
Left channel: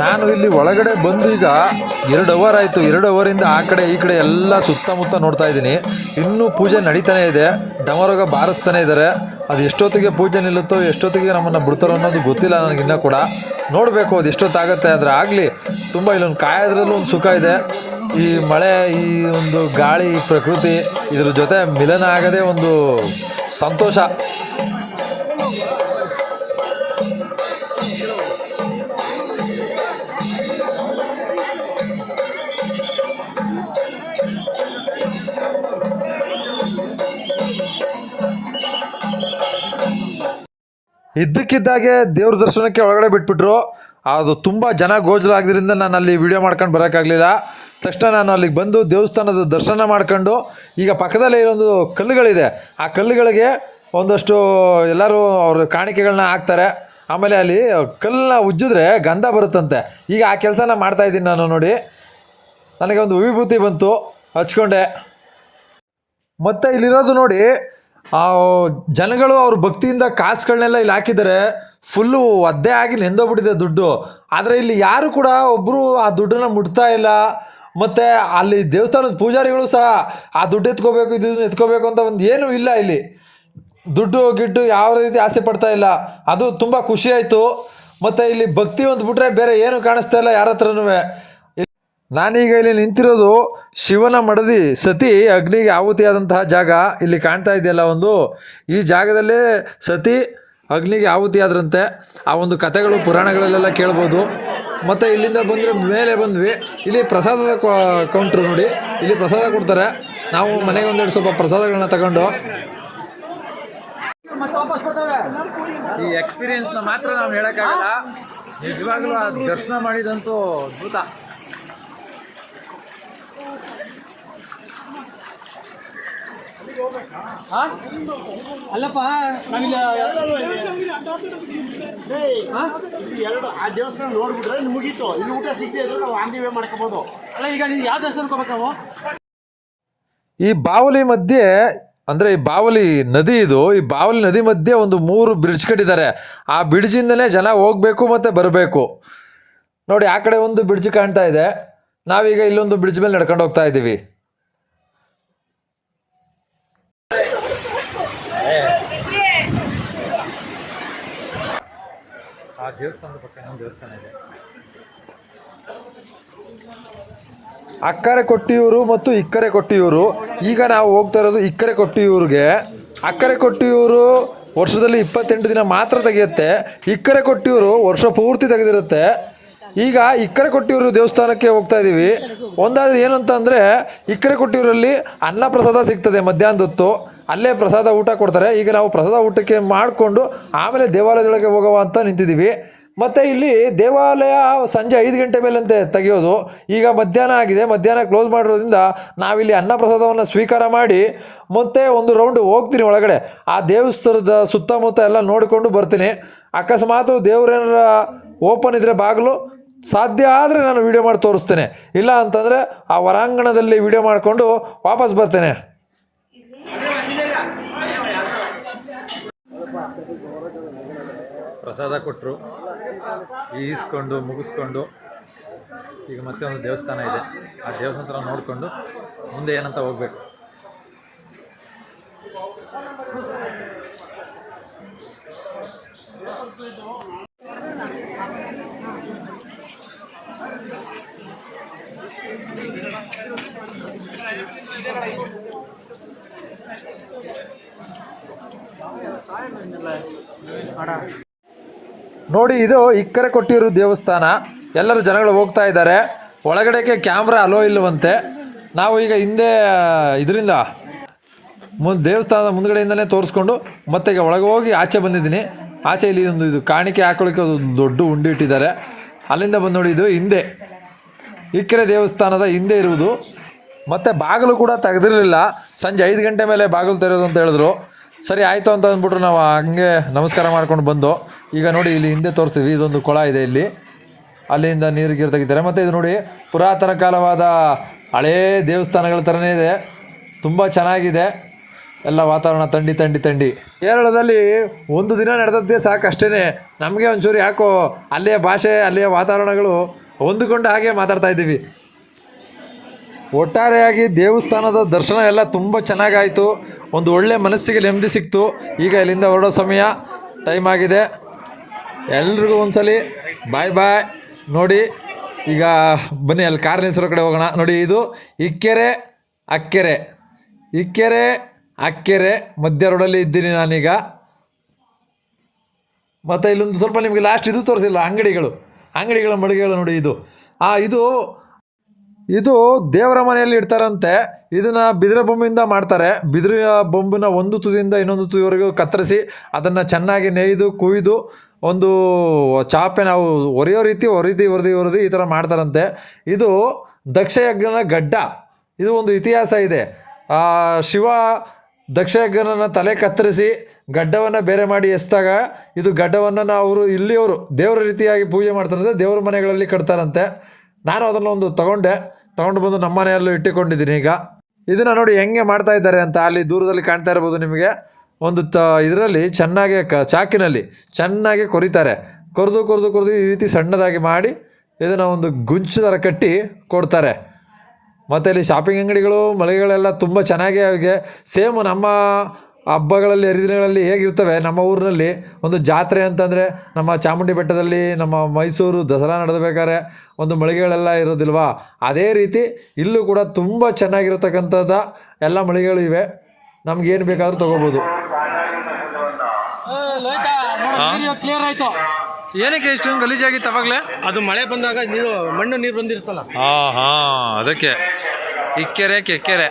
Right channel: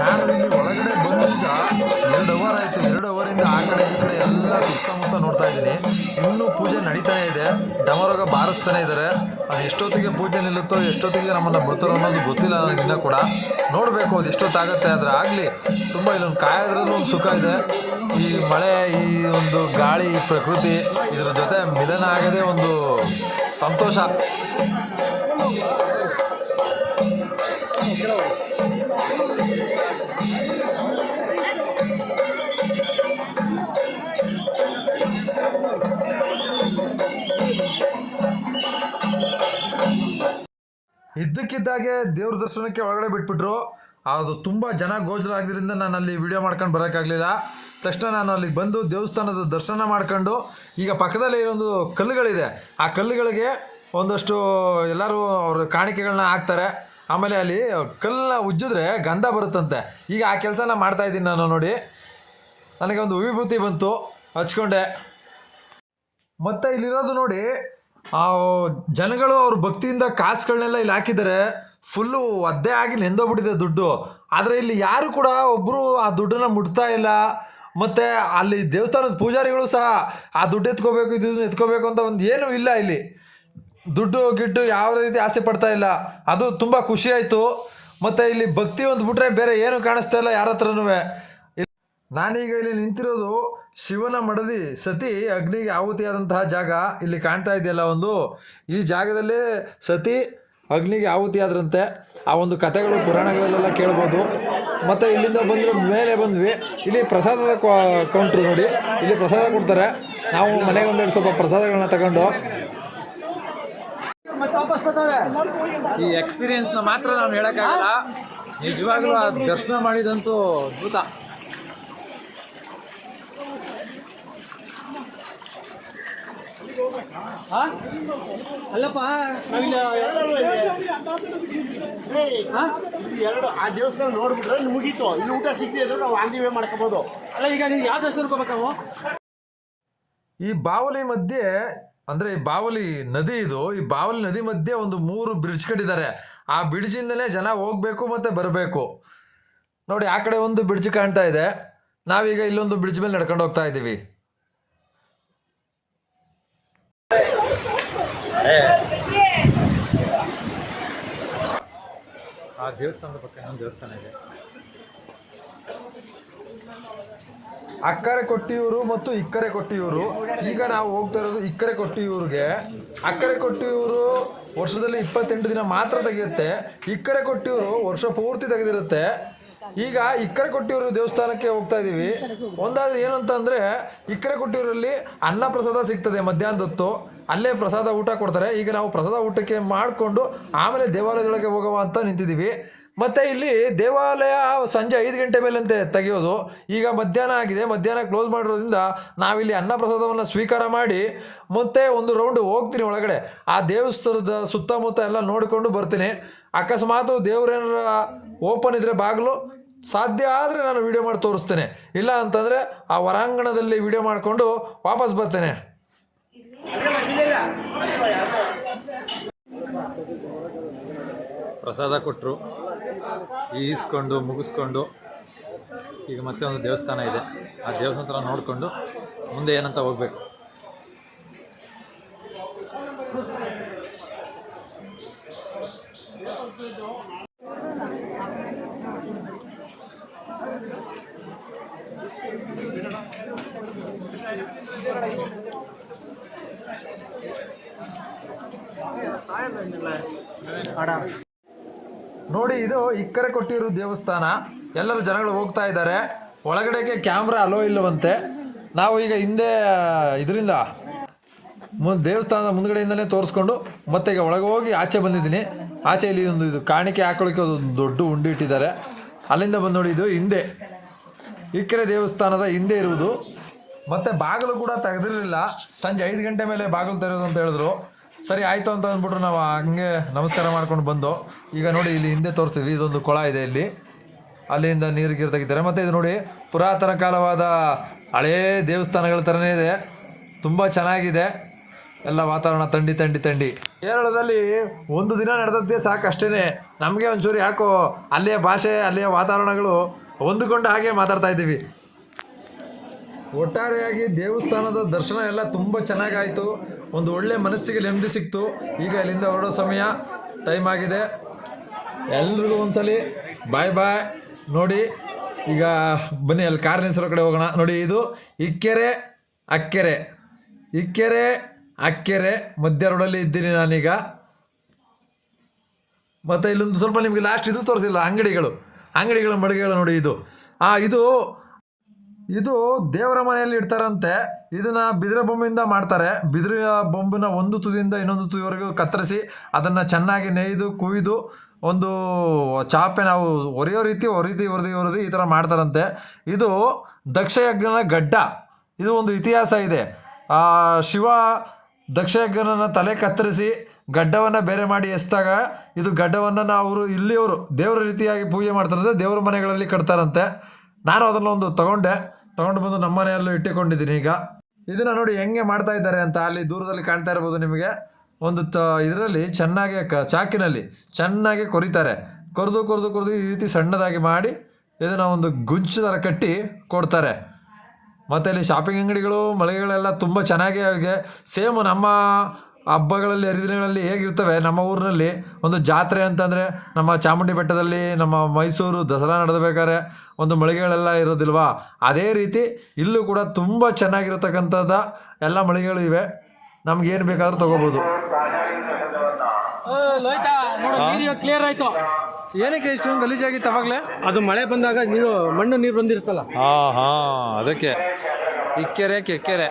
ನಾನು ಇಲ್ಲಿ ಒಳಗಡೆ ಬಂದು ಈಗ 2 ಅವರ್ ಆಯಿತು. 2 ಅವರಿಂದ ಆ ಕಡೆ ಈ ಕಡೆ ಎಲ್ಲ ಸುತ್ತಮುತ್ತ ನೋಡ್ತಾ ಇದ್ದೀನಿ. ಇನ್ನೂ ಪೂಜೆ ನಡೀತಾನೆ ಇದೆ. ದಮರೋಗ ಬಾರಿಸ್ತಾನೆ ಇದ್ದಾರೆ. ಅದು ಎಷ್ಟೊತ್ತಿಗೆ ಪೂಜೆ ನಿಲ್ಲುತ್ತೋ, ಎಷ್ಟೊತ್ತಿಗೆ ನಮ್ಮನ್ನು ಬಿಡ್ತಾರೋ ಅನ್ನೋದು ಗೊತ್ತಿಲ್ಲ ನನಗಿನ್ನೂ ಕೂಡ. ನೋಡಬೇಕು ಅದು ಎಷ್ಟೊತ್ತಾಗತ್ತೆ. ಆದರೆ ಆಗಲಿ, ತುಂಬ ಇಲ್ಲೊಂದು ಕಾಯೋದ್ರಲ್ಲೂ ಒಂದು ಸುಖ ಇದೆ. ಈ ಮಳೆ, ಈ ಒಂದು ಗಾಳಿ, ಈ ಪ್ರಕೃತಿ, ಇದ್ರ ಜೊತೆ ಮಿಲನ ಆಗದೆ ಒಂದು ಸಂತೋಷ. ಇದ್ದಕ್ಕಿದ್ದಾಗೆ ದೇವ್ರ ದರ್ಶನಕ್ಕೆ ಒಳಗಡೆ ಬಿಟ್ಬಿಟ್ರು. ಅದು ತುಂಬ ಜನ ಗೋಜಲಾಗಿದ್ದರಿಂದ ನಾನು ಅಲ್ಲಿ ವಿಡಿಯೋ ಮಾಡ್ಕೊಂಡು ಬರೋಕ್ಕಾಗಲಿಲ್ಲ. ತಕ್ಷಣ ನಾನು ಅಲ್ಲಿಗೆ ಬಂದು ದೇವಸ್ಥಾನದ ದರ್ಶನ ಮಾಡ್ಕೊಂಡು, ಈಗ ಪಕ್ಕದಲ್ಲೇ ಇರೊಂದು ಕಲ್ಲುಗಳಿದೆ, ಆ ಕಲ್ಲುಗಳಿಗೆ ಒಂದಷ್ಟು ಎಲ್ಲರೂ ಅವ್ರ ಕಾಣಿಕೆಗಳನ್ನ ಹಾಕ್ತಾರೆ. ಆಮೇಲೆ ಅಲ್ಲಿ ಕಲ್ಲನ್ನ ಉಜ್ಜಿದ್ರೆ ಗಂಧ ಬರುತ್ತಂತೆ. ಈಗ ಆ ಕೆಲಸನ ಮಾಡ್ತಾಯಿದ್ದೀನಿ ನಾನು. ನೋಡಿ, ನನಗೆ ಒಂದು ವಿಭೂತಿ ಬಂತು, ಹಚ್ಕೊಂಡೆ. ಮತ್ತು ಇಲ್ಲಿರೋದು ನೋಡಿ, ಜನಗಳು ಅವ್ರ ಭಕ್ತಿಯಿಂದ ಕಾಸುಗಳನ್ನೆಲ್ಲ ಇಲ್ಲಿ ಹಾಕಿದ್ದಾರೆ. ಫುಲ್ಲು ಒದ್ದೆ ಆಗಿ ನೆಂದೋಗ್ಬಿಟ್ಟಿದೆ ದುಡ್ಡು. ಆದರೆ ಇಲ್ಲಿ ಯಾರು ಕೂಡ ಒಬ್ಬರು ಆ ದುಡ್ಡನ್ನು ಮುಟ್ತಾ ಇಲ್ಲ. ಮತ್ತು ಅಲ್ಲಿ ದೇವಸ್ಥಾನದ ಪೂಜಾರಿಗಳು ಸಹ ಆ ದುಡ್ಡು ಎತ್ಕೋಬೇಕು, ಇದನ್ನು ಎತ್ಕೋಬೇಕು ಅಂತ ಒಂದು ಏನೂ ಇಲ್ಲ. ಇಲ್ಲಿ ದುಡ್ಡು ಗಿಡ್ಡು ಯಾವ ರೀತಿ ಆಸೆ ಪಡ್ತಾ ಇಲ್ಲ. ಅದು ತುಂಬ ಖುಷಿಯಾಯಿತು. ಮತ್ತು ಇಲ್ಲಿ ಭಕ್ತಿ ಒಂದು ಬಿಟ್ರೆ ಬೇರೆ ಏನೂ ಕಾಣಿಸ್ತಾ ಇಲ್ಲ ಯಾರ ಹತ್ರನೂ. ನಾನೀಗ ಇಲ್ಲಿ ನಿಂತಿರೋದು ಶಿವನ ಮಡದಿ ಸತಿ ಅಗ್ನಿಗೆ ಆಹುತಿಯಾದಂತಹ ಜಾಗ. ಇಲ್ಲಿ ಕಾಣ್ತಾ ಇದೆಯಲ್ಲ ಒಂದು, ಈ ಜಾಗದಲ್ಲೇ ಸತಿ ಅಗ್ನಿಗೆ ಆಹುತಿಯಾದ್ರಂತೆ. ಆ ಒಂದು ಕಥೆಗಳು ಪುರಾಣಗಳಲ್ಲೆಲ್ಲ ಕೇಳ್ಬೋದು. ಮತ್ತು ಇಲ್ಲಿಂದ ಬಂದರೆ ಮೇಲೆ ಬಂದ್ವಿ. ಇಲ್ಲಿ ಪ್ರಸಾದದ ಕೌಂಟ್ರು ನೋಡಿ, ಇಲ್ಲಿ ಪ್ರಸಾದ ಕೊಡ್ತಾರೆ. ನಾವು ಮನೆಗೆ ಒಂದೆರಡು ಸ್ವಲ್ಪ ಪ್ರಸಾದಗಳನ್ನ ತಗೊಂಡು ಈ ಎಕ್ಸ್ಪೀರಿಯನ್ಸ್ನ ಮಾತ್ರ ನಾವು ಹೇಳೋಕ್ಕಾಗಲ್ಲ. ನಿಜವಾಗ್ಲೂ ಆ ದರ್ಶನ ಮಾಡಿದಂತೂ ಅದ್ಭುತ. ಅಲ್ಲಪ್ಪ ಎರಡು ಆ ದೇವಸ್ಥಾನ ನೋಡ್ಬಿಟ್ರೆ ಮುಗೀತು, ಇಲ್ಲಿ ಊಟ ಸಿಗ್ತಿದೆ ಅಂದ್ರೆ ನಾವು ಆನ್ ದಿ ವೇ ಮಾಡ್ಕೋಬಹುದು. ಅಲ್ಲ ಈಗ ನೀವು ಯಾವ ದೇವಸ್ಥಾನಕ್ಕೆ ಹೋಗ್ಬೇಕು ನಾವು? ಈ ಬಾವಲಿ ಮಧ್ಯೆ ಅಂದರೆ ಈ ಬಾವಲಿ ನದಿ ಇದು, ಈ ಬಾವಲಿ ನದಿ ಮಧ್ಯೆ ಒಂದು 3 ಬ್ರಿಡ್ಜ್ ಕಟ್ಟಿದ್ದಾರೆ. ಆ ಬ್ರಿಡ್ಜಿಂದಲೇ ಜನ ಹೋಗಬೇಕು ಮತ್ತು ಬರಬೇಕು. ನೋಡಿ ಆ ಕಡೆ ಒಂದು ಬ್ರಿಡ್ಜ್ ಕಾಣ್ತಾ ಇದೆ, ನಾವೀಗ ಇಲ್ಲೊಂದು ಬ್ರಿಡ್ಜ್ ಮೇಲೆ ನಡ್ಕೊಂಡು ಹೋಗ್ತಾ ಇದ್ದೀವಿ. ಆ ದೇವಸ್ಥಾನದ ಪಕ್ಕ ಇನ್ನೊಂದು ದೇವಸ್ಥಾನ ಇದೆ. ಅಕ್ಕರೆ ಕೊಟ್ಟಿಯೂರು ಮತ್ತು ಇಕ್ಕರೆ ಕೊಟ್ಟಿಯೂರು. ಈಗ ನಾವು ಹೋಗ್ತಾ ಇರೋದು ಇಕ್ಕರೆ ಕೊಟ್ಟಿಯೂರಿಗೆ. ಅಕ್ಕರೆ ಕೊಟ್ಟಿಯೂರು ವರ್ಷದಲ್ಲಿ 28 ದಿನ ಮಾತ್ರ ತೆಗೆಯುತ್ತೆ. ಇಕ್ಕರೆ ಕೊಟ್ಟಿಯೂರು ವರ್ಷ ಪೂರ್ತಿ ತೆಗೆದಿರುತ್ತೆ. ಈಗ ಇಕ್ಕರೆ ಕೊಟ್ಟಿಯೂರು ದೇವಸ್ಥಾನಕ್ಕೆ ಹೋಗ್ತಾ ಇದ್ದೀವಿ. ಒಂದಾದ್ರೆ ಏನಂತ ಅಂದರೆ ಇಕ್ಕರೆ ಕೊಟ್ಟಿಯೂರಲ್ಲಿ ಅನ್ನ ಪ್ರಸಾದ ಸಿಗ್ತದೆ ಮಧ್ಯಾಹ್ನದ ಹೊತ್ತು. ಅಲ್ಲೇ ಪ್ರಸಾದ ಊಟ ಕೊಡ್ತಾರೆ. ಈಗ ನಾವು ಪ್ರಸಾದ ಊಟಕ್ಕೆ ಮಾಡಿಕೊಂಡು ಆಮೇಲೆ ದೇವಾಲಯದೊಳಗೆ ಹೋಗುವ ಅಂತ ನಿಂತಿದ್ದೀವಿ. ಮತ್ತು ಇಲ್ಲಿ ದೇವಾಲಯ ಸಂಜೆ 5 ಗಂಟೆ ಮೇಲಂತೆ ತೆಗೆಯೋದು. ಈಗ ಮಧ್ಯಾಹ್ನ ಆಗಿದೆ, ಮಧ್ಯಾಹ್ನ ಕ್ಲೋಸ್ ಮಾಡಿರೋದ್ರಿಂದ ನಾವಿಲ್ಲಿ ಅನ್ನ ಪ್ರಸಾದವನ್ನು ಸ್ವೀಕಾರ ಮಾಡಿ ಮತ್ತೆ ಒಂದು ರೌಂಡ್ ಹೋಗ್ತೀನಿ ಒಳಗಡೆ. ಆ ದೇವಸ್ಥಾನದ ಸುತ್ತಮುತ್ತ ಎಲ್ಲ ನೋಡಿಕೊಂಡು ಬರ್ತೀನಿ. ಅಕಸ್ಮಾತ್ ದೇವರೇನಾರ ಓಪನ್ ಇದ್ದರೆ ಬಾಗಿಲು ಸಾಧ್ಯ ಆದರೆ ನಾನು ವೀಡಿಯೋ ಮಾಡಿ ತೋರಿಸ್ತೇನೆ, ಇಲ್ಲ ಅಂತಂದರೆ ಆ ಹೊರಾಂಗಣದಲ್ಲಿ ವೀಡಿಯೋ ಮಾಡಿಕೊಂಡು ವಾಪಸ್ ಬರ್ತೇನೆ. ಪ್ರಸಾದ ಕೊಟ್ಟರು, ಈಸ್ಕೊಂಡು ಮುಗಿಸ್ಕೊಂಡು ಈಗ ಮತ್ತೆ ಒಂದು ದೇವಸ್ಥಾನ ಇದೆ. ಆ ದೇವಸ್ಥಾನ ಹತ್ರ ನೋಡಿಕೊಂಡು ಮುಂದೆ ಏನಂತ ಹೋಗಬೇಕು. ನೋಡಿ ಇದು ಇಕ್ಕರೆ ಕೊಟ್ಟಿರೋ ದೇವಸ್ಥಾನ. ಎಲ್ಲರೂ ಜನಗಳು ಹೋಗ್ತಾ ಇದ್ದಾರೆ. ಒಳಗಡೆಗೆ ಕ್ಯಾಮ್ರಾ ಅಲೋ ಇಲ್ಲವಂತೆ. ನಾವು ಈಗ ಹಿಂದೆ ಇದರಿಂದ ದೇವಸ್ಥಾನದ ಮುಂದ್ಗಡೆಯಿಂದನೇ ತೋರಿಸ್ಕೊಂಡು ಮತ್ತೆ ಈಗ ಒಳಗೆ ಹೋಗಿ ಆಚೆ ಬಂದಿದ್ದೀನಿ. ಆಚೆ ಇಲ್ಲಿ ಒಂದು ಇದು ಕಾಣಿಕೆ ಹಾಕೊಳ್ಳೋಕ್ಕೆ ಒಂದು ದೊಡ್ಡ ಉಂಡಿ ಇಟ್ಟಿದ್ದಾರೆ. ಅಲ್ಲಿಂದ ಬಂದು ನೋಡಿ, ಇದು ಹಿಂದೆ ಇಕ್ಕರೆ ದೇವಸ್ಥಾನದ ಹಿಂದೆ ಇರುವುದು. ಮತ್ತು ಬಾಗಿಲು ಕೂಡ ತೆಗೆದಿರಲಿಲ್ಲ. ಸಂಜೆ 5 ಗಂಟೆ ಮೇಲೆ ಬಾಗಿಲು ತೆರೆಯೋದು ಅಂತ ಹೇಳಿದ್ರು. ಸರಿ ಆಯಿತು ಅಂತ ಅಂದ್ಬಿಟ್ರು ನಾವು ಹಂಗೆ ನಮಸ್ಕಾರ ಮಾಡ್ಕೊಂಡು ಬಂದು. ಈಗ ನೋಡಿ ಇಲ್ಲಿ ಹಿಂದೆ ತೋರಿಸ್ತೀವಿ, ಇದೊಂದು ಕೊಳ ಇದೆ ಇಲ್ಲಿ, ಅಲ್ಲಿಂದ ನೀರು ತೆಗಿತಾರೆ. ಮತ್ತು ಇದು ನೋಡಿ ಪುರಾತನ ಕಾಲವಾದ ಹಳೇ ದೇವಸ್ಥಾನಗಳ ಥರನೇ ಇದೆ, ತುಂಬ ಚೆನ್ನಾಗಿದೆ. ಎಲ್ಲ ವಾತಾವರಣ ಥಂಡಿ ಥಂಡಿ ಥಂಡಿ. ಕೇರಳದಲ್ಲಿ ಒಂದು ದಿನ ನಡೆದದ್ದೇ ಸಾಕು ಅಷ್ಟೇ. ನಮಗೆ ಒಂಚೂರು ಯಾಕೋ ಅಲ್ಲಿಯ ಭಾಷೆ ಅಲ್ಲಿಯ ವಾತಾವರಣಗಳು ಹೊಂದಿಕೊಂಡು ಹಾಗೆ ಮಾತಾಡ್ತಾ ಇದ್ದೀವಿ. ಒಟ್ಟಾರೆಯಾಗಿ ದೇವಸ್ಥಾನದ ದರ್ಶನ ಎಲ್ಲ ತುಂಬ ಚೆನ್ನಾಗಾಯಿತು. ಒಂದು ಒಳ್ಳೆ ಮನಸ್ಸಿಗೆ ನೆಮ್ಮದಿ ಸಿಕ್ತು. ಈಗ ಇಲ್ಲಿಂದ ಹೊರಡೋ ಸಮಯ ಟೈಮ್ ಆಗಿದೆ. ಎಲ್ರಿಗೂ ಒಂದ್ಸಲಿ ಬಾಯ್ ಬಾಯ್. ನೋಡಿ ಈಗ ಬನ್ನಿ ಅಲ್ಲಿ ಕಾರ್ ನಿಲ್ಸಿರೋ ಕಡೆ ಹೋಗೋಣ. ನೋಡಿ ಇದು ಇಕ್ಕೆರೆ ಅಕ್ಕೆರೆ, ಇಕ್ಕೆರೆ ಅಕ್ಕೆರೆ ಮಧ್ಯ ರೋಡಲ್ಲಿ ಇದ್ದೀನಿ ನಾನೀಗ. ಮತ್ತು ಇಲ್ಲೊಂದು ಸ್ವಲ್ಪ ನಿಮಗೆ ಲಾಸ್ಟ್ ಇದು ತೋರಿಸಿಲ್ಲ, ಅಂಗಡಿಗಳ ಮಳಿಗೆಗಳು ನೋಡಿ. ಇದು ದೇವರ ಮನೆಯಲ್ಲಿ ಇಡ್ತಾರಂತೆ. ಇದನ್ನು ಬಿದಿರ ಬೊಂಬಿಂದ ಮಾಡ್ತಾರೆ. ಬಿದಿರ ಬೊಂಬಿನ ಒಂದು ತುದಿಯಿಂದ ಇನ್ನೊಂದು ತುದಿವರೆಗೂ ಕತ್ತರಿಸಿ ಅದನ್ನು ಚೆನ್ನಾಗಿ ನೇಯ್ದು ಕುಯ್ದು ಒಂದು ಚಾಪೆ ನಾವು ಒರೆಯೋ ರೀತಿ ಒರೆದು ಈ ಥರ ಮಾಡ್ತಾರಂತೆ. ಇದು ದಕ್ಷಯಜ್ಞನ ಗಡ್ಡ. ಇದು ಒಂದು ಇತಿಹಾಸ ಇದೆ. ಶಿವ ದಕ್ಷಯಜ್ಞನ ತಲೆ ಕತ್ತರಿಸಿ ಗಡ್ಡವನ್ನು ಬೇರೆ ಮಾಡಿ ಎಸ್ದಾಗ ಇದು ಗಡ್ಡವನ್ನು ಅವರು ಇಲ್ಲಿಯವರು ದೇವರ ರೀತಿಯಾಗಿ ಪೂಜೆ ಮಾಡ್ತಾರಂತೆ, ದೇವರ ಮನೆಗಳಲ್ಲಿ ಕಟ್ತಾರಂತೆ. ನಾನು ಅದನ್ನು ಒಂದು ತಗೊಂಡು ಬಂದು ನಮ್ಮ ಮನೆಯಲ್ಲೂ ಇಟ್ಟುಕೊಂಡಿದ್ದೀನಿ. ಈಗ ಇದನ್ನು ನೋಡಿ ಹೆಂಗೆ ಮಾಡ್ತಾ ಇದ್ದಾರೆ ಅಂತ ಅಲ್ಲಿ ದೂರದಲ್ಲಿ ಕಾಣ್ತಾ ಇರ್ಬೋದು ನಿಮಗೆ. ಒಂದು ಇದರಲ್ಲಿ ಚೆನ್ನಾಗಿ ಚಾಕಿನಲ್ಲಿ ಚೆನ್ನಾಗಿ ಕೊರಿತಾರೆ. ಕೊರೆದು ಈ ರೀತಿ ಸಣ್ಣದಾಗಿ ಮಾಡಿ ಇದನ್ನು ಒಂದು ಗುಂಚು ಥರ ಕಟ್ಟಿ ಕೊಡ್ತಾರೆ. ಮತ್ತು ಇಲ್ಲಿ ಶಾಪಿಂಗ್ ಅಂಗಡಿಗಳು ಮಳಿಗೆಗಳೆಲ್ಲ ತುಂಬ ಚೆನ್ನಾಗಿ ಅವಿಗೆ ಸೇಮ್ ನಮ್ಮ ಹಬ್ಬಗಳಲ್ಲಿ ಹರಿದಿನಗಳಲ್ಲಿ ಹೇಗಿರ್ತವೆ ನಮ್ಮ ಊರಿನಲ್ಲಿ ಒಂದು ಜಾತ್ರೆ ಅಂತಂದರೆ ನಮ್ಮ ಚಾಮುಂಡಿ ಬೆಟ್ಟದಲ್ಲಿ ನಮ್ಮ ಮೈಸೂರು ದಸರಾ ನಡೆದಬೇಕಾದ್ರೆ ಒಂದು ಮಳಿಗೆಗಳೆಲ್ಲ ಇರೋದಿಲ್ವಾ, ಅದೇ ರೀತಿ ಇಲ್ಲೂ ಕೂಡ ತುಂಬ ಚೆನ್ನಾಗಿರತಕ್ಕಂಥದ್ದು ಎಲ್ಲ ಮಳಿಗೆಗಳು ಇವೆ. ನಮಗೇನು ಬೇಕಾದರೂ ತೊಗೋಬೋದು. ಕ್ಲಿಯರ್ ಆಯಿತು. ಏನಕ್ಕೆ ಇಷ್ಟೊಂದು ಗಲೀಜಾಗಿತ್ತು ಅವಾಗಲೇ? ಅದು ಮಳೆ ಬಂದಾಗ ಮಣ್ಣು ನೀರು ಬಂದಿರುತ್ತಲ್ಲ. ಅದಕ್ಕೆ ಇಕ್ಕೆರೆ ಕೆಕ್ಕೆರೆ.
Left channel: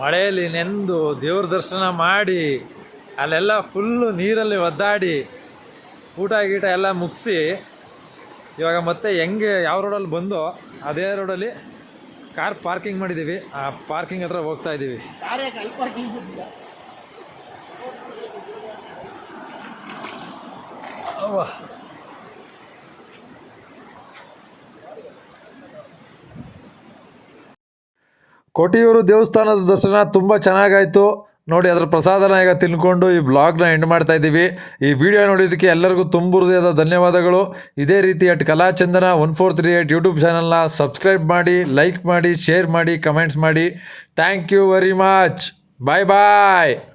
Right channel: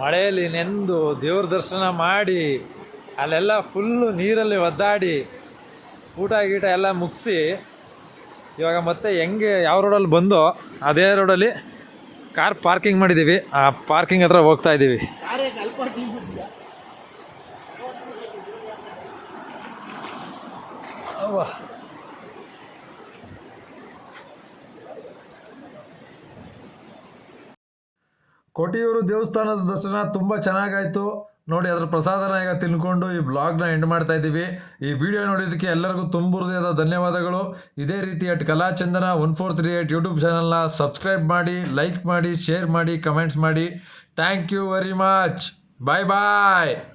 ಮಳೆಯಲ್ಲಿ ನೆಂದು ದೇವ್ರ ದರ್ಶನ ಮಾಡಿ ಅಲ್ಲೆಲ್ಲ ಫುಲ್ಲು ನೀರಲ್ಲಿ ಒದ್ದಾಡಿ ಊಟ ಗೀಟ ಎಲ್ಲ ಮುಗಿಸಿ ಇವಾಗ ಮತ್ತೆ ಹೆಂಗೆ ಯಾವ ರೋಡಲ್ಲಿ ಬಂದು ಅದೇ ರೋಡಲ್ಲಿ ಕಾರ್ ಪಾರ್ಕಿಂಗ್ ಮಾಡಿದ್ದೀವಿ. ಆ ಪಾರ್ಕಿಂಗ್ ಹತ್ರ ಹೋಗ್ತಾ ಇದ್ದೀವಿ. ಅವ್ವ. ಕೊಟಿಯೂರು ದೇವಸ್ಥಾನದ ದರ್ಶನ ತುಂಬ ಚೆನ್ನಾಗಾಯಿತು ನೋಡಿ. ಅದರ ಪ್ರಸಾದನ ಈಗ ತಿನ್ಕೊಂಡು ಈ ಬ್ಲಾಗ್ನ ಎಂಡ್ ಮಾಡ್ತಾ ಇದ್ದೀವಿ. ಈ ವಿಡಿಯೋ ನೋಡಿದ್ದಕ್ಕೆ ಎಲ್ಲರಿಗೂ ತುಂಬ ಹೃದಯದ ಧನ್ಯವಾದಗಳು. ಇದೇ ರೀತಿ ಕಲಾಚಂದನ 1438 ಯೂಟ್ಯೂಬ್ ಚಾನಲ್ನ ಸಬ್ಸ್ಕ್ರೈಬ್ ಮಾಡಿ, ಲೈಕ್ ಮಾಡಿ, ಶೇರ್ ಮಾಡಿ, ಕಮೆಂಟ್ಸ್ ಮಾಡಿ. Thank you very much. Bye bye.